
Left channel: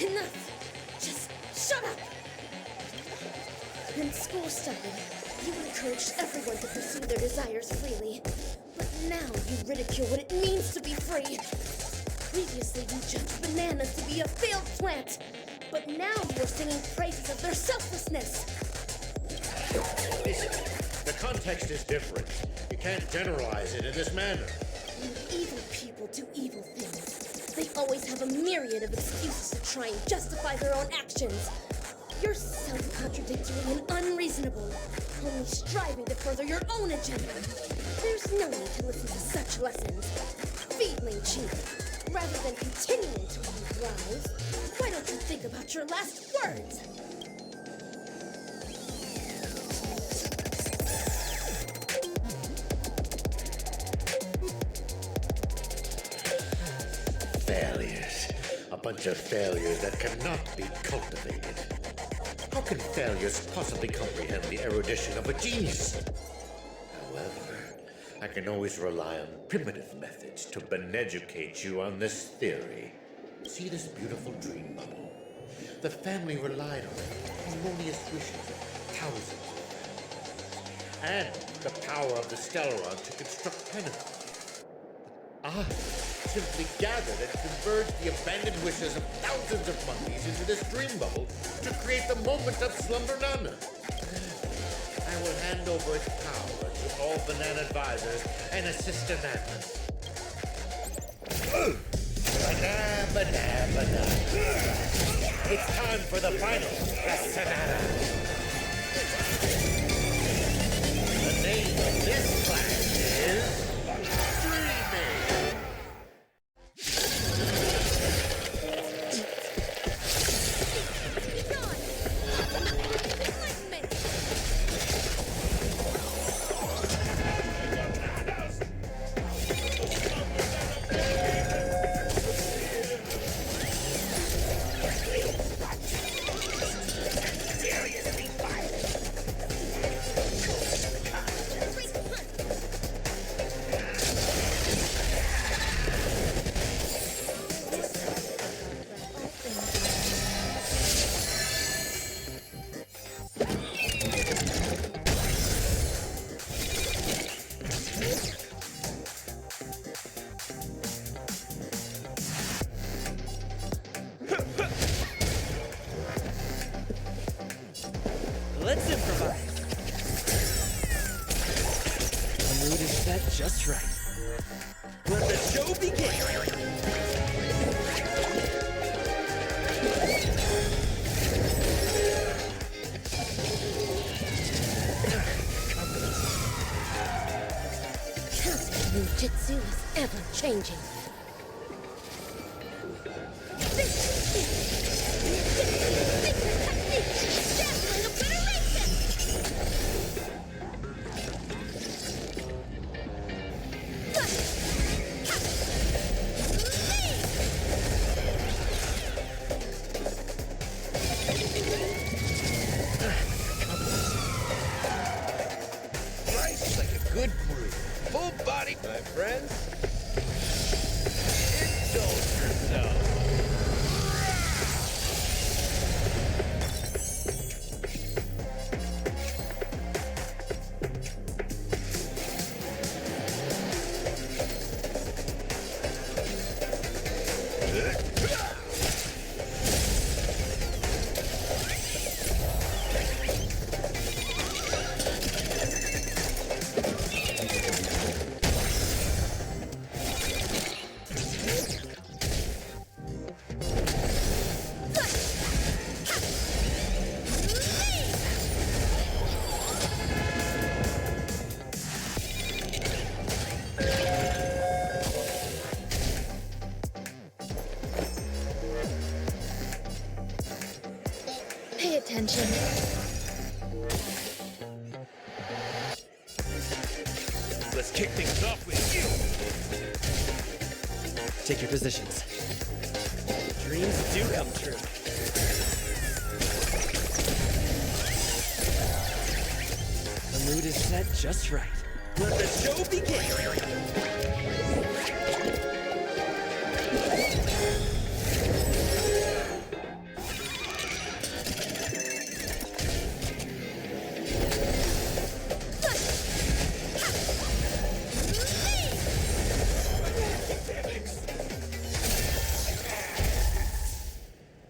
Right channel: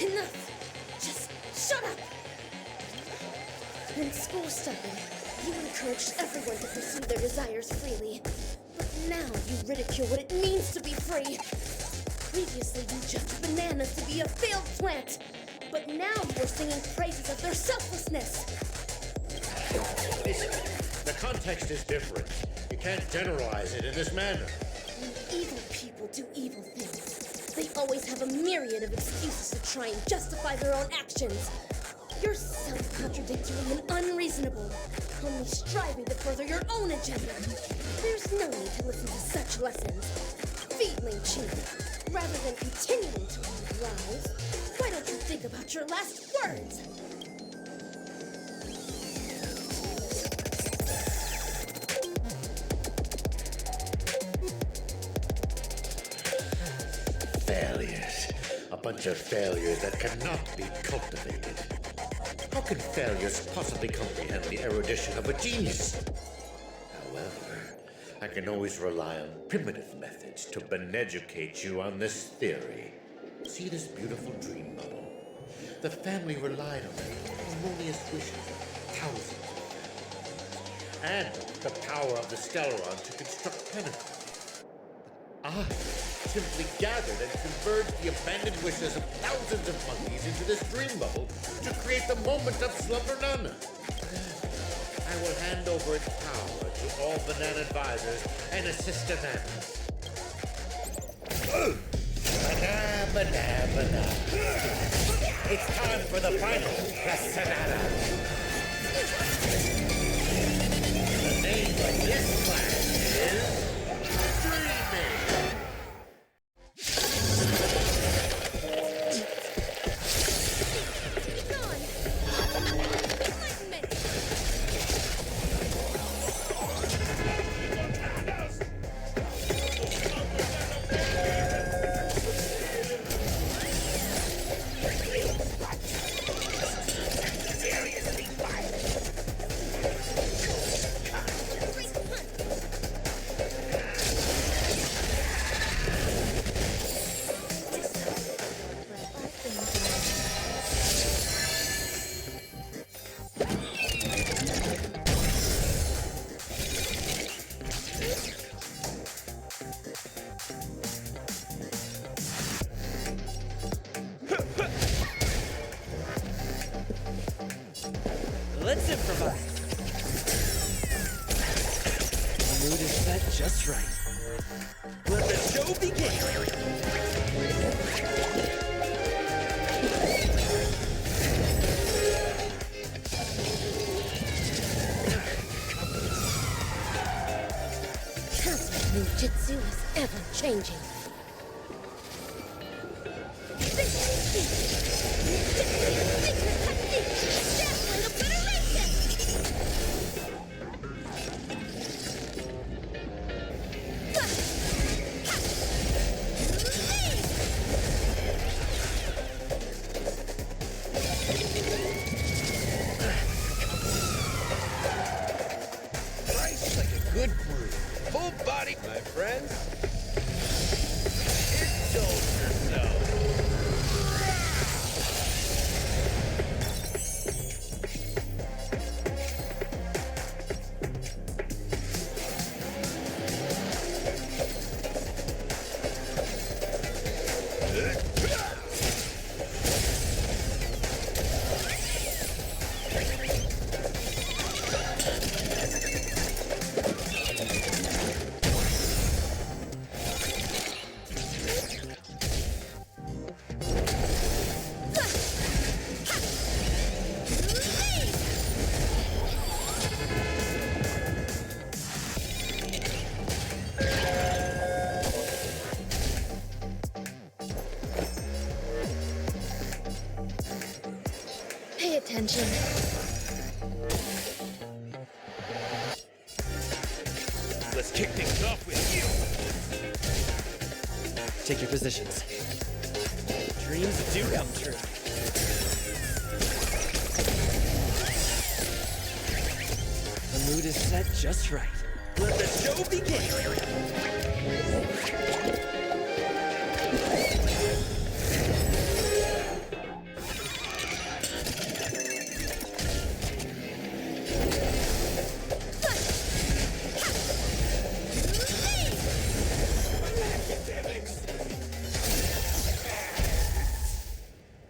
Enough! Just shut up! When school started, you encouraged everyone to pursue their desires freely. But now you ridicule what it means to be free. Previously, you judged bananas to be a failed plant. But now you are singing praises of their selflessness. Listen, the context is different. You can't generalize it in this manner. When evil people do evil things, they always have a myriad of excuses to try and justify their own actions. You're self-contradictory and unreasonable, only striving to further your own agenda. There's no need to listen to such lessons. Feedling cheap. Rather than continuing to leave lies, why don't you think about your last words? Failures. A bunch of failures that cannot be cultivated. How can failures possibly comprehend the erudition of a genius? However, I can always rely on primitive methods to beneducate you on this theory. See this beautiful dream bubble? The family relied on the harmonious wishes of thousands of family members, and the power of the Stellaron to construct Pentacles. I simply gathered and converged the abandoned wishes of thousands of monkeys into this dream bubble to create the moment of Slumber Nana. I will hand over its power to all banana advisors and assistananas. Banana, banana, banana. It's time for the final Asdanian. The name of this class is Dreaming. Let's improvise. The mood is set just right. Let the show begin. Cosmic ninjutsu is ever changing. everybody, my friends. Indulge yourself. Pay attention. Let's kick things off with you. Take your positions. Dreams do come true. The mood is set just right. Let the show begin!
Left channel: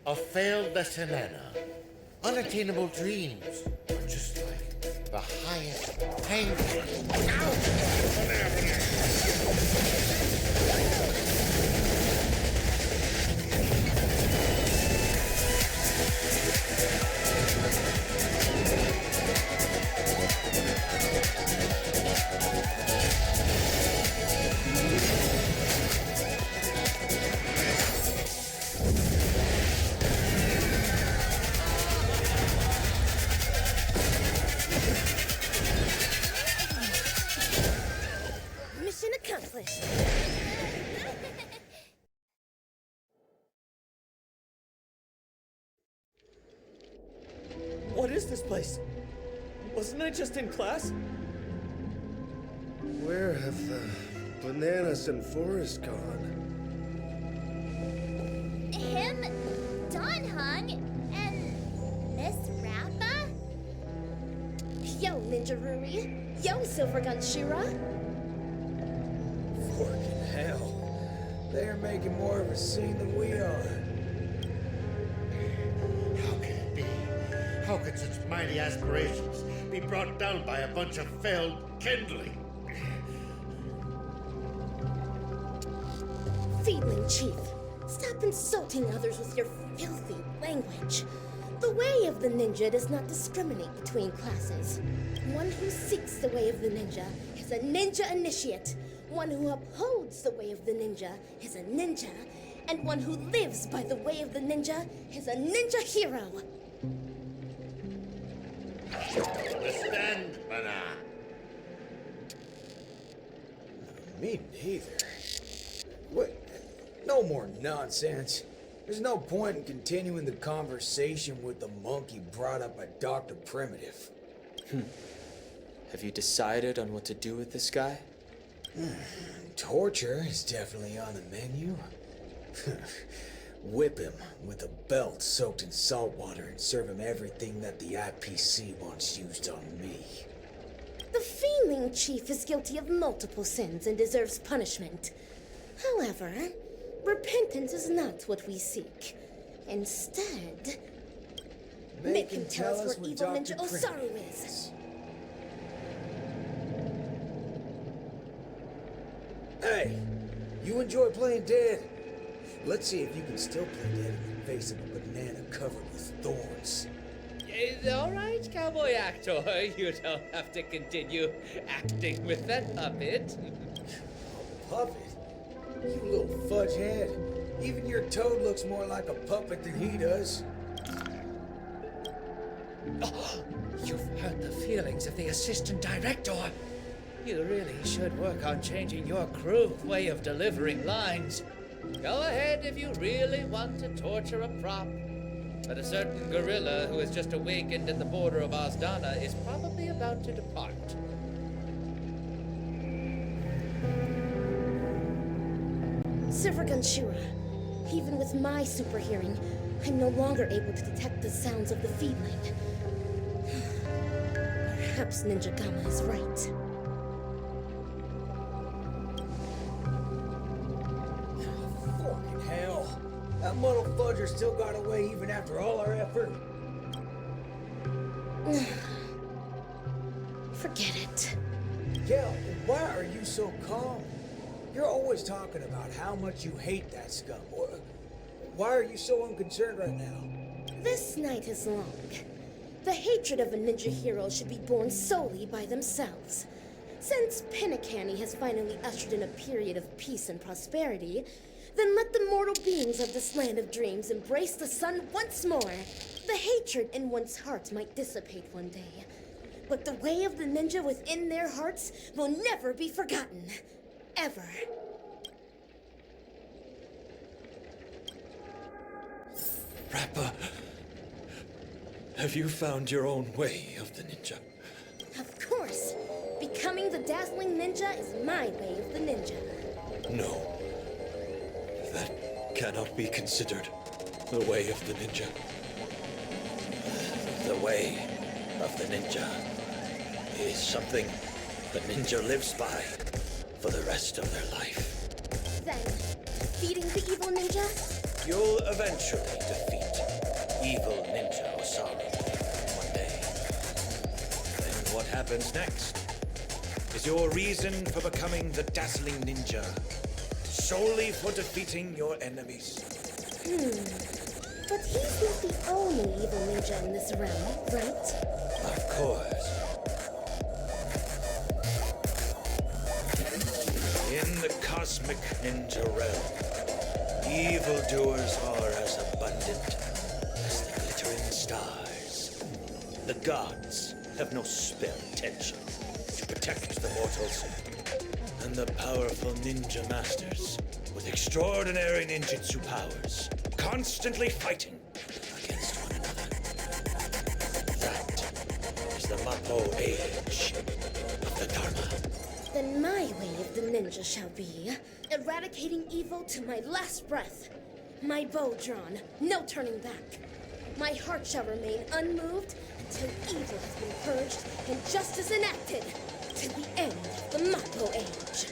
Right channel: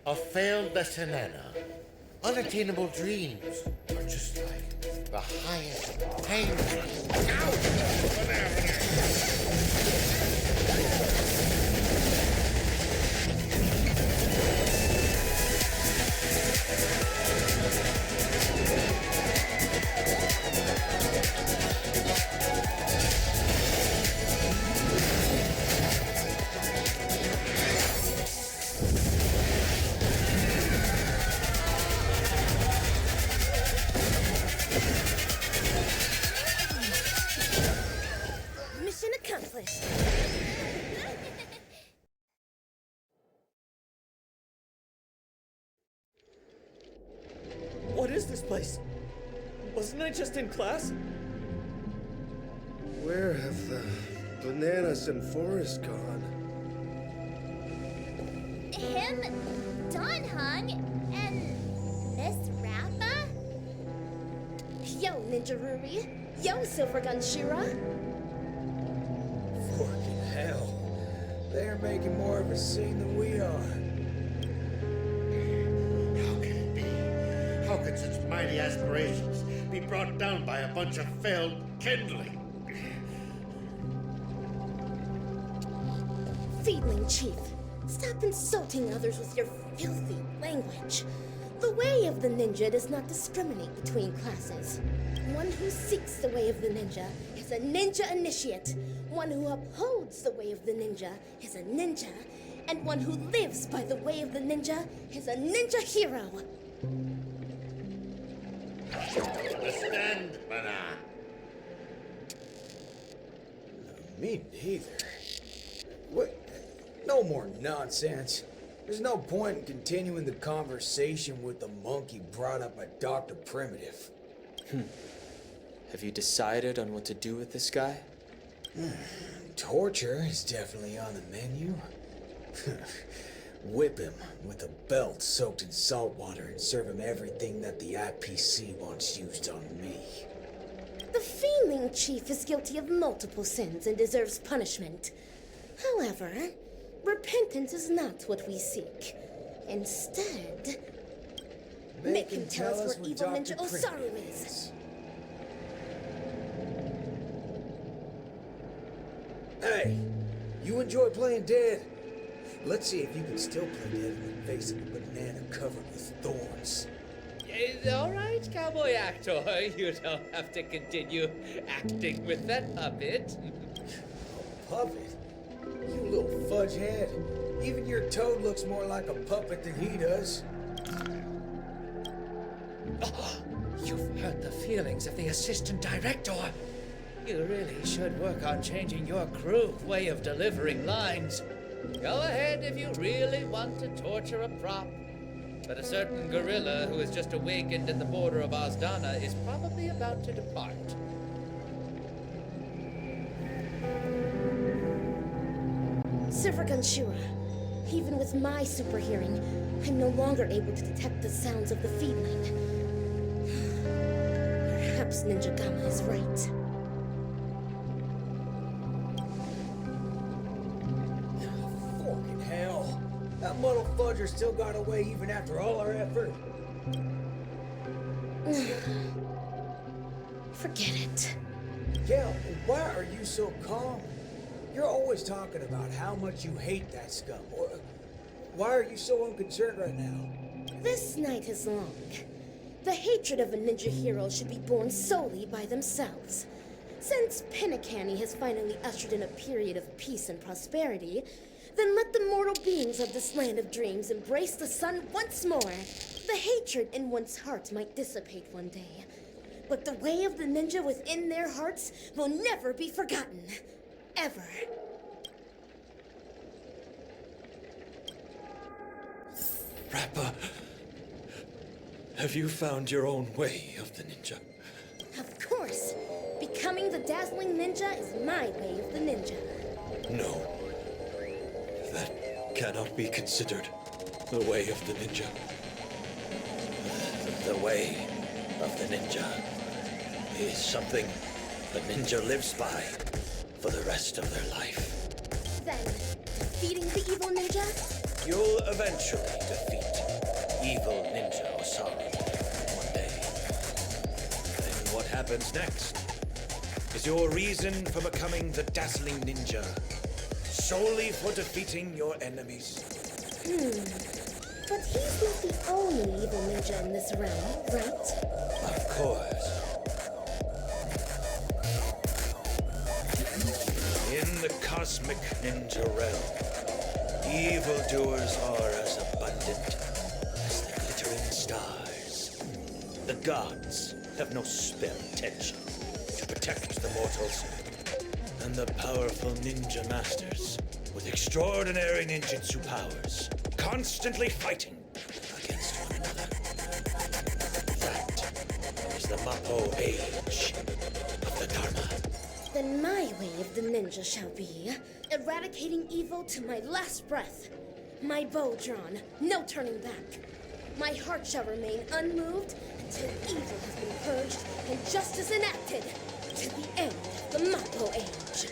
A failed Desanana. Unattainable dreams are just like the highest pain. Mission accomplished. What is this place? Wasn't I just in class? Where have the bananas and forest gone? Him, Don Hung, and Miss Rappa? Yo, Ninja Ruri. Yo, Silvergun Shira. Forking hell. They're making more of a scene than we are. How can it be? How could such mighty aspirations be brought down by a bunch of failed kindling? Feedling Chief, stop insulting others with your filthy language. The way of the ninja does not discriminate between classes. One who seeks the way of the ninja is a ninja initiate. One who upholds the way of the ninja is a ninja. And one who lives by the way of the ninja is a ninja hero. Understand, Bana? Me neither. What? No more nonsense. There's no point in continuing the conversation with the monkey brought up by Dr. Primitive. Have you decided on what to do with this guy? Torture is definitely on the menu. Whip him with a belt soaked in salt water and serve him everything that the IPC wants used on me. The Feeling Chief is guilty of multiple sins and deserves punishment. However, repentance is not what we seek. Instead, make him tell us where evil Ninja Osaru is. Hey, you enjoy playing dead? Let's see if you can still play dead in the face of a banana covered with thorns. All right, cowboy actor. You don't have to continue acting with that puppet. A puppet? You little fudge head. Even your toad looks more like a puppet than he does. Oh, you've hurt the feelings of the assistant director. You really should work on changing your crude way of delivering lines. Go ahead if you really want to torture a prop. But a certain gorilla who has just awakened at the border of Asdana is probably about to depart. Silver Gunshura, even with my super hearing, I'm no longer able to detect the sounds of the feedling. Perhaps Ninja Gamma is right. Fucking hell. That muddle fudger still got away even after all our effort. Forget it. Kel, why are you so calm? You're always talking about how much you hate that scum. Why are you so unconcerned right now? This night is long. The hatred of a ninja hero should be borne solely by themselves. Since Pinnacanny has finally ushered in a period of peace and prosperity, then let the mortal beings of this land of dreams embrace the sun once more. The hatred in one's heart might dissipate one day, but the way of the ninja within their hearts will never be forgotten. Ever. Rappa, have you found your own way of the ninja? Of course. Becoming the dazzling ninja is my way of the ninja. No. That cannot be considered the way of the ninja. The way of the ninja is something the ninja lives by for the rest of their life. Then, defeating the evil ninja? You'll eventually defeat evil Ninja Osaru one day. Then what happens next is your reason for becoming the dazzling ninja, solely for defeating your enemies. But he's not the only evil ninja in this realm, right? Of course. In the cosmic ninja realm, evildoers are as abundant as the glittering stars. The gods have no spare attention to protect the mortals, and the powerful ninja masters with extraordinary ninjutsu powers constantly fighting against one another. That is the Mappo age of the Dharma. Then my way of the ninja shall be eradicating evil to my last breath. My bow drawn, no turning back. My heart shall remain unmoved until evil has been purged and justice enacted to the end of the Mappo age.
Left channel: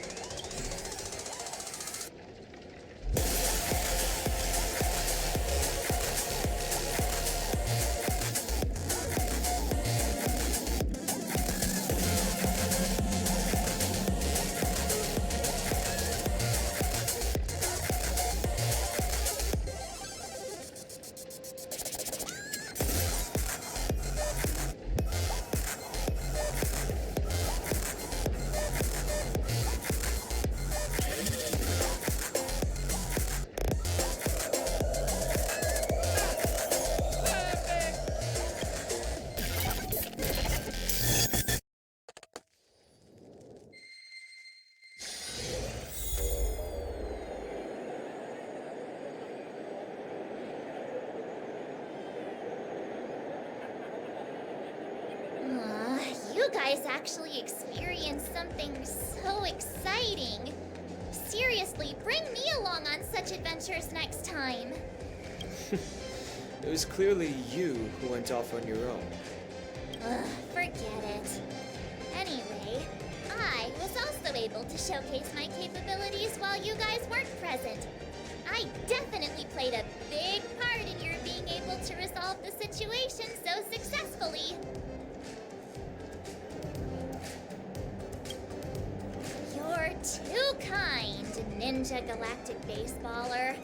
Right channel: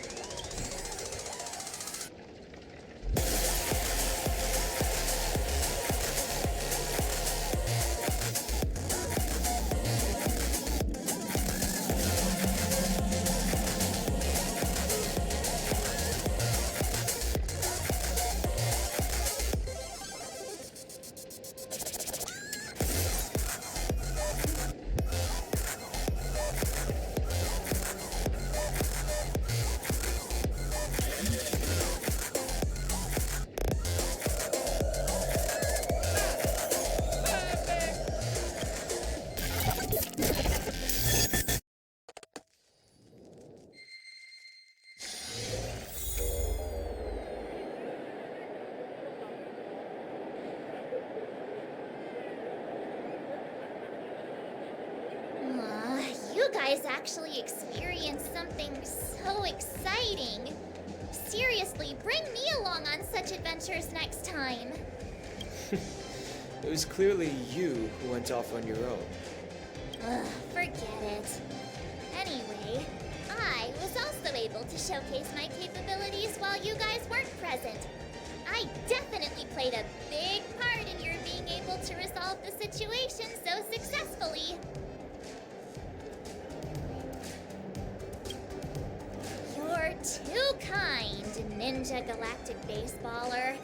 You guys actually experienced something so exciting. Seriously, bring me along on such adventures next time. It was clearly you who went off on your own. Forget it. Anyway, I was also able to showcase my capabilities while you guys weren't present. I definitely played a big part in your being able to resolve the situation so successfully. You're too kind, Ninja Galactic Baseballer.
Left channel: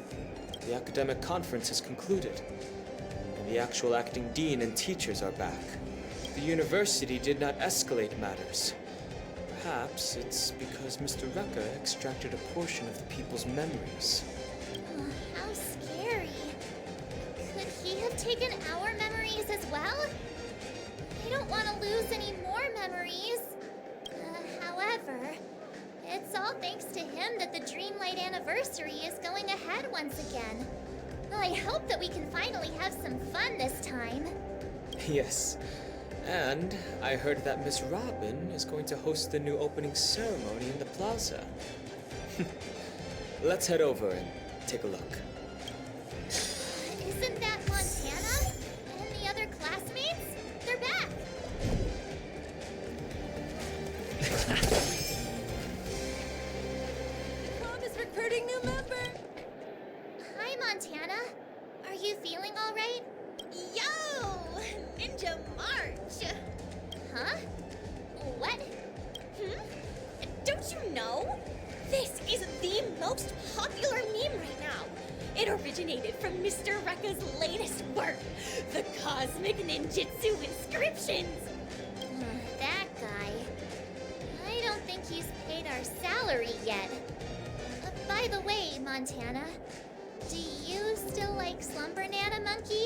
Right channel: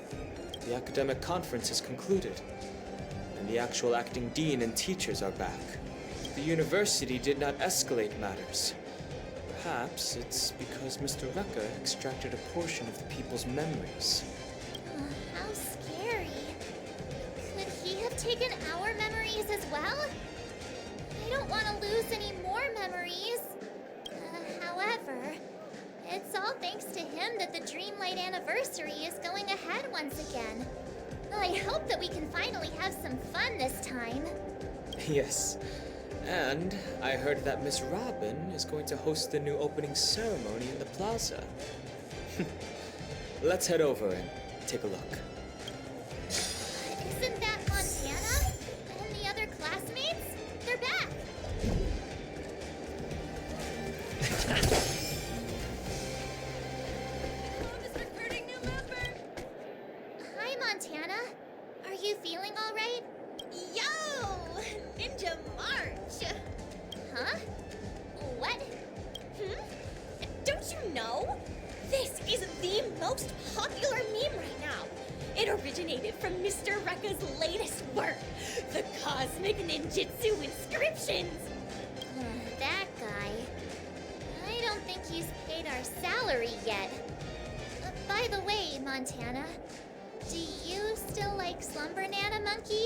The academic conference has concluded, and the actual acting dean and teachers are back. The university did not escalate matters. Perhaps it's because Mr. Rekka extracted a portion of the people's memories. How scary. Could he have taken our memories as well? I don't want to lose any more memories. However, it's all thanks to him that the Dreamlight anniversary is going ahead once again. I hope that we can finally have some fun this time. Yes, And I heard that Miss Robin is going to host the new opening ceremony in the plaza. Let's head over and take a look. Isn't that Montana? And the other classmates? They're back! Club is recruiting new members. Hi, Montana. Are you feeling all right? Yo! Ninja March! Huh? What? Don't you know? This is the most popular meme right now. It originated from Mr. Rekka's latest work, the Cosmic Ninjutsu Inscriptions. That guy. I don't think he's paid our salary yet. By the way, Montana, do you still like Slumber Nana Monkey?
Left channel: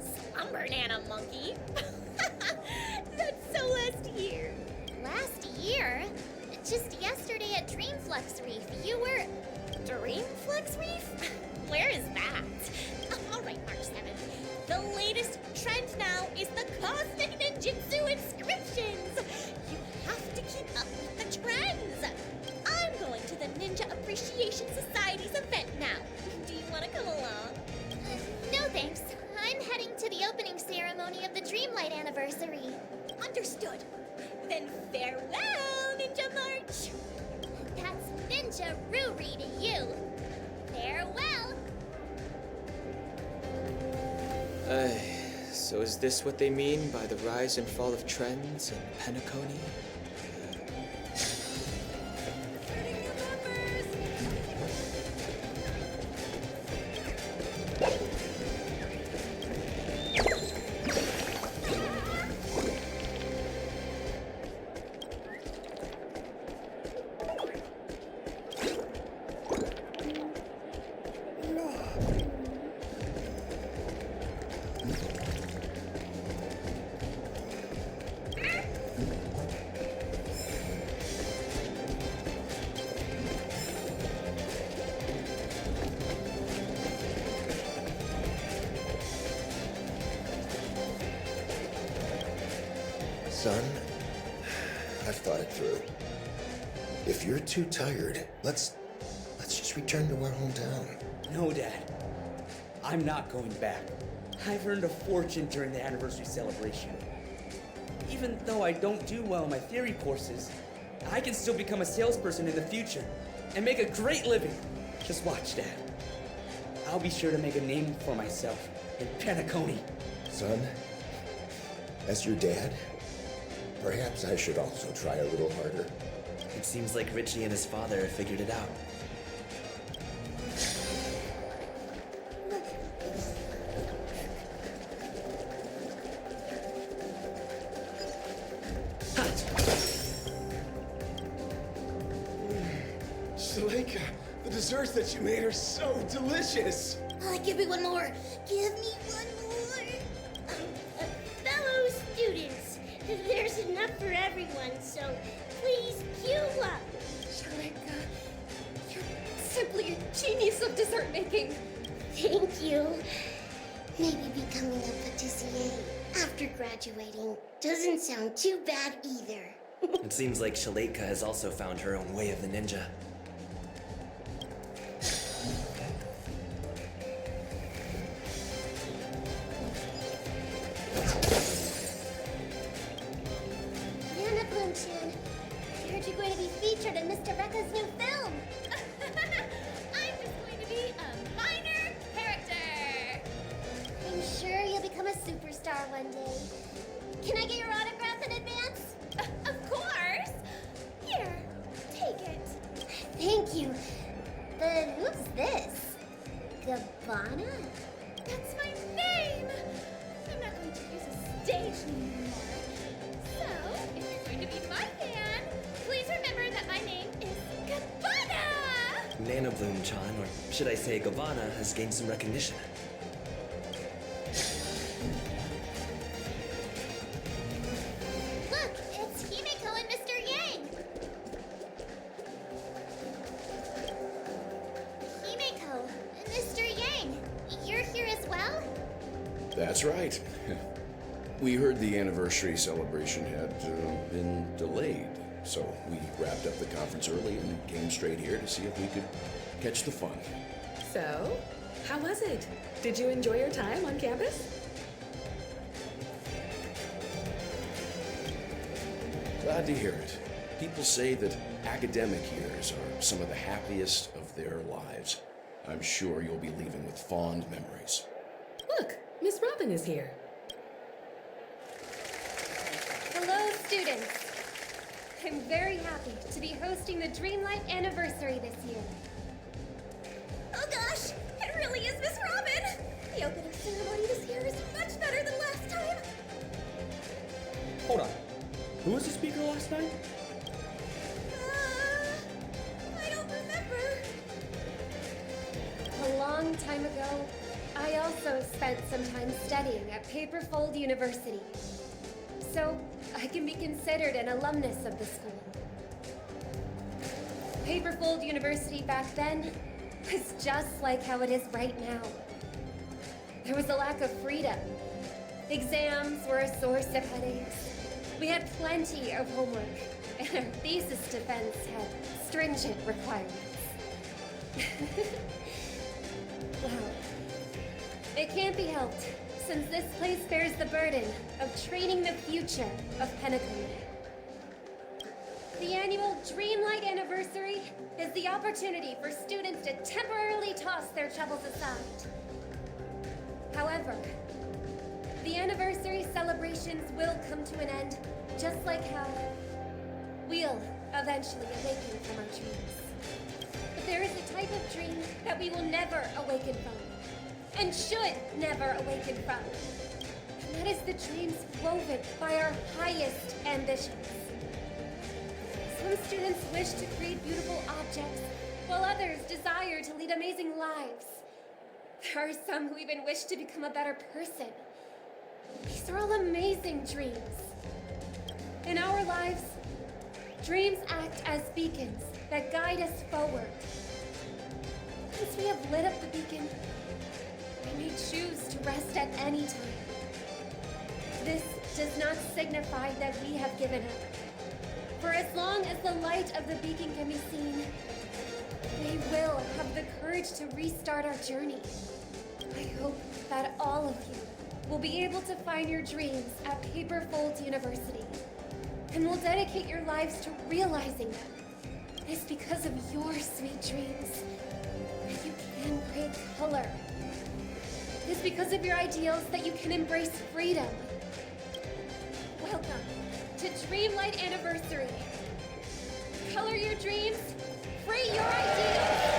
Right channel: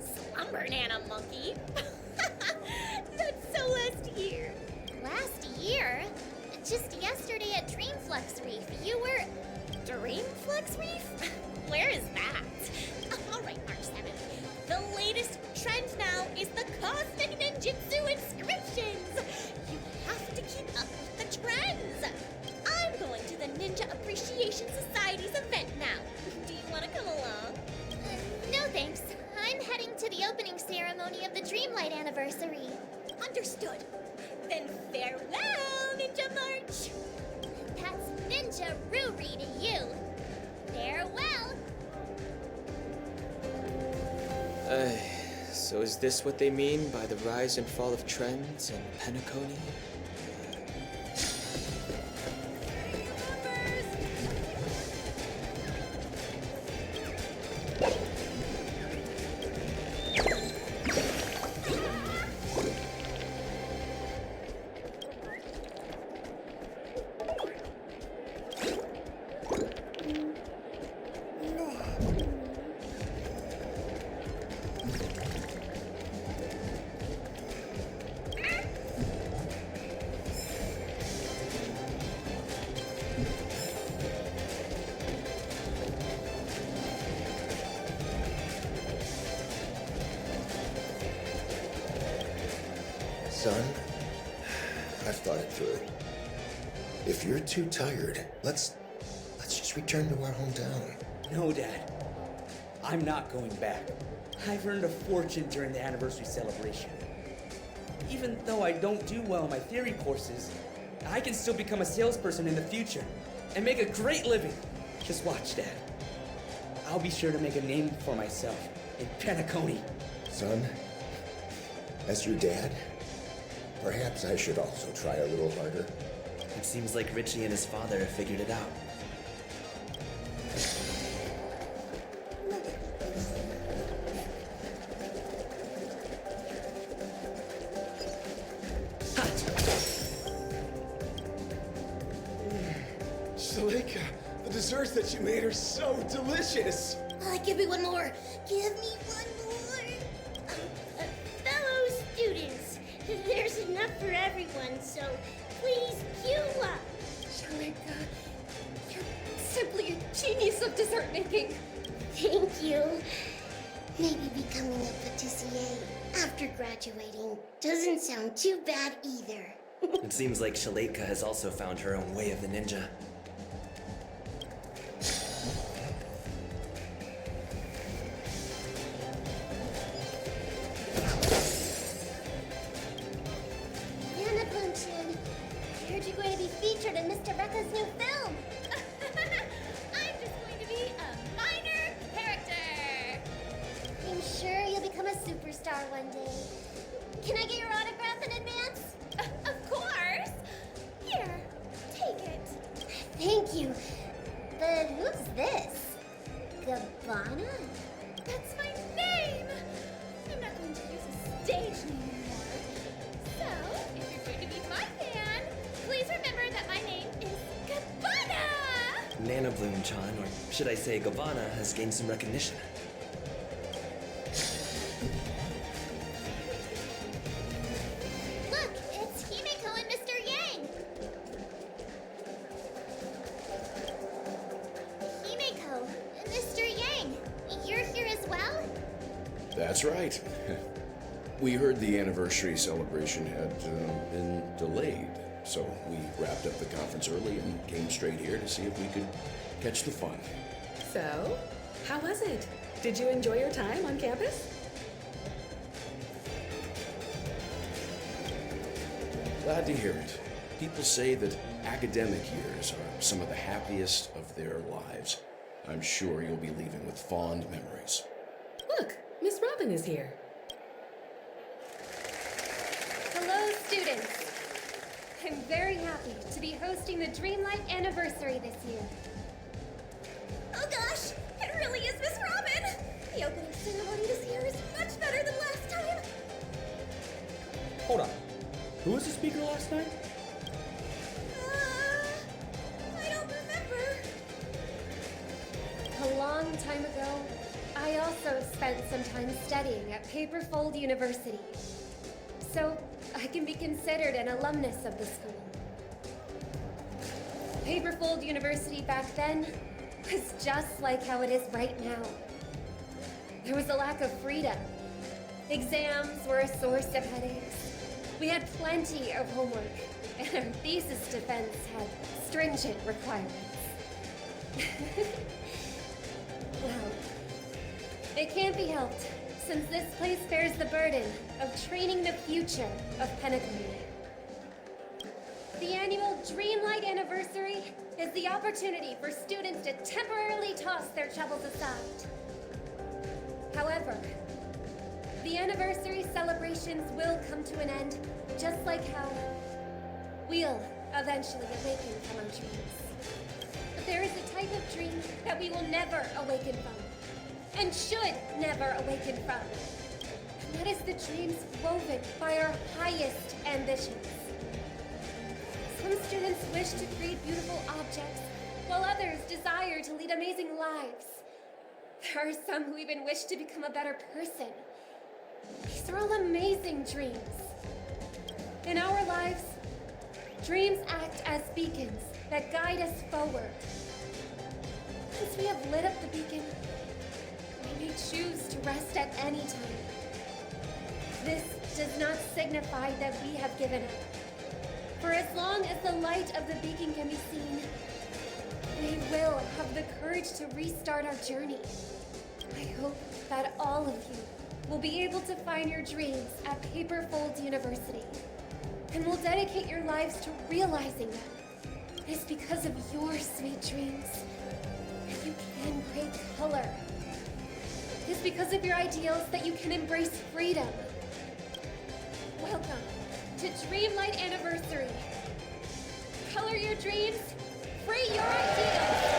Slumber Nana Monkey? That's so last year. Last year? Just yesterday at Dreamflux Reef, you were... Dreamflux Reef? Where is that? All right, March 7th. The latest trend now is the Cosmic Ninjutsu Inscriptions. You have to keep up with the trends. I'm going to the Ninja Appreciation Society's event now. Do you want to come along? No thanks. I'm heading to the opening ceremony of the Dreamlight anniversary. Understood. Then farewell, Ninja March. That's Ninja Ruri to you. Farewell. So is this what they mean by the rise and fall of trends in Penacony? Son, I've thought it through. If you're too tired, let's just return to our hometown. No, Dad. I'm not going back. I've earned a fortune during the anniversary celebration. Even though I don't do well in my theory courses, I can still become a salesperson in the future and make a great living. Just watch, Dad. I'll be sure to make a name for myself in Penacony. Son, as your dad, perhaps I should also try a little harder. It seems like Richie and his father have figured it out. Shaleka, the desserts that you made are so delicious. Give me one more. Give me one more. Fellow students, there's enough for everyone, so please queue up. Shaleka, you're simply a genius of dessert making. Thank you. Maybe becoming a patissier after graduating doesn't sound too bad either. It seems like Shaleka has also found her own way of the ninja. Nana Bloom-chan, I heard you're going to be featured in Mr. Rekka's new film. I'm just going to be a minor character. I'm sure you'll become a superstar one day. Can I get your autograph in advance? Of course. Here, take it. Thank you. But who's this? Gabbana? That's my name. I'm not going to use a stage name anymore. So, if you're going to be my fan, please remember that my name is Gabbana. Nana Bloom-chan, or should I say Gabbana, has gained some recognition. Look, it's Himeko and Mr. Yang. Himeko, Mr. Yang, you're here as well? That's right. We heard the anniversary celebration had been delayed, so we wrapped up the conference early and came straight here to see if we could catch the fun. So, how was it? Did you enjoy your time on campus? Glad to hear it. People say that academic years are some of the happiest of their lives. I'm sure you'll be leaving with fond memories. Look, Miss Robin is here. Hello, students. I'm very happy to be hosting the Dreamlight Anniversary this year. Oh gosh, it really is Miss Robin! The opening ceremony this year is much better than last time. Hold on. Who was the speaker last night? I don't remember. A long time ago, I also spent some time studying at Paperfold University. So, I can be considered an alumnus of the school. Paperfold University back then was just like how it is right now. There was a lack of freedom. Exams were a source of headaches. We had plenty of homework, and our thesis defense had stringent requirements. Well, it can't be helped, since this place bears the burden of training the future of Penacony. The annual Dreamlight Anniversary is the opportunity for students to temporarily toss their troubles aside. However, the anniversary celebrations will come to an end, just like how we'll eventually awaken from our dreams. But there is a type of dream that we will never awaken from, and should never awaken from. And that is the dreams woven by our highest ambitions. Some students wish to create beautiful objects, while others desire to lead amazing lives. There are some who even wish to become a better person. These are all amazing dreams. In our lives, dreams act as beacons that guide us forward. Once we have lit up the beacon, we may choose to rest at any time. This does not signify that we have given up. For as long as the light of the beacon can be seen, we will have the courage to restart our journey. I hope that all of you will be able to find your dreams at Paperfold University, and will dedicate your lives to realizing them. It is because of your sweet dreams that you can create color. It is because of your ideals that you can embrace freedom. Welcome to Dreamlight Anniversary. Color your dreams, free your ideals!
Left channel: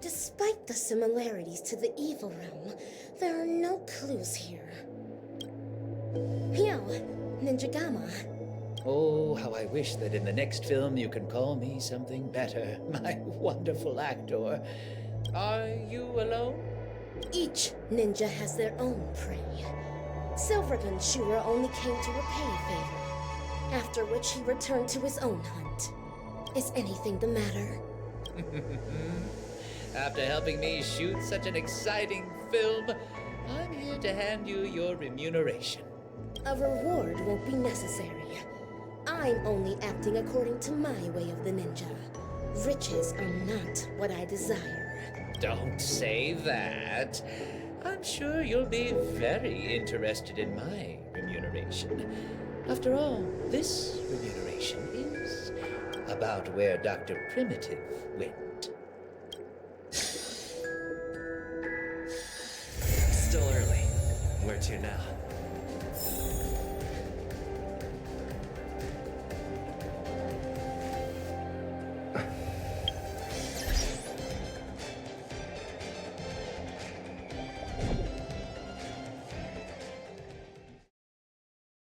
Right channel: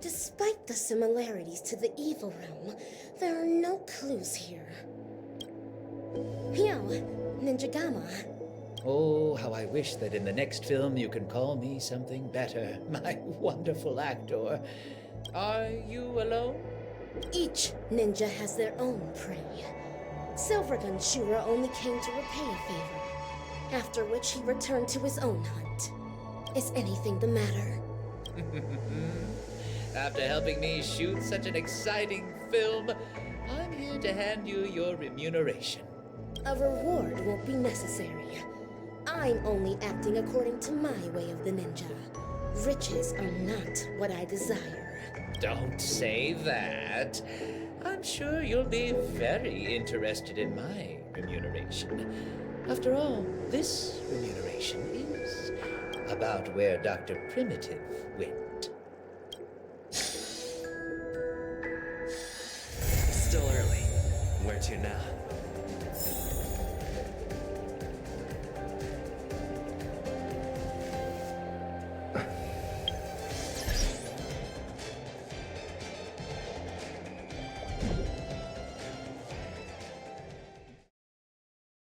Despite the similarities to the evil realm, there are no clues here. Yo, Ninja Gamma. Oh, how I wish that in the next film you can call me something better, my wonderful actor. Are you alone? Each ninja has their own prey. Silvergun Shura only came to repay a favor, after which he returned to his own hunt. Is anything the matter? After helping me shoot such an exciting film, I'm here to hand you your remuneration. A reward won't be necessary. I'm only acting according to my way of the ninja. Riches are not what I desire. Don't say that. I'm sure you'll be very interested in my remuneration. After all, this remuneration is about where Dr. Primitive went. It's still early. Where to now?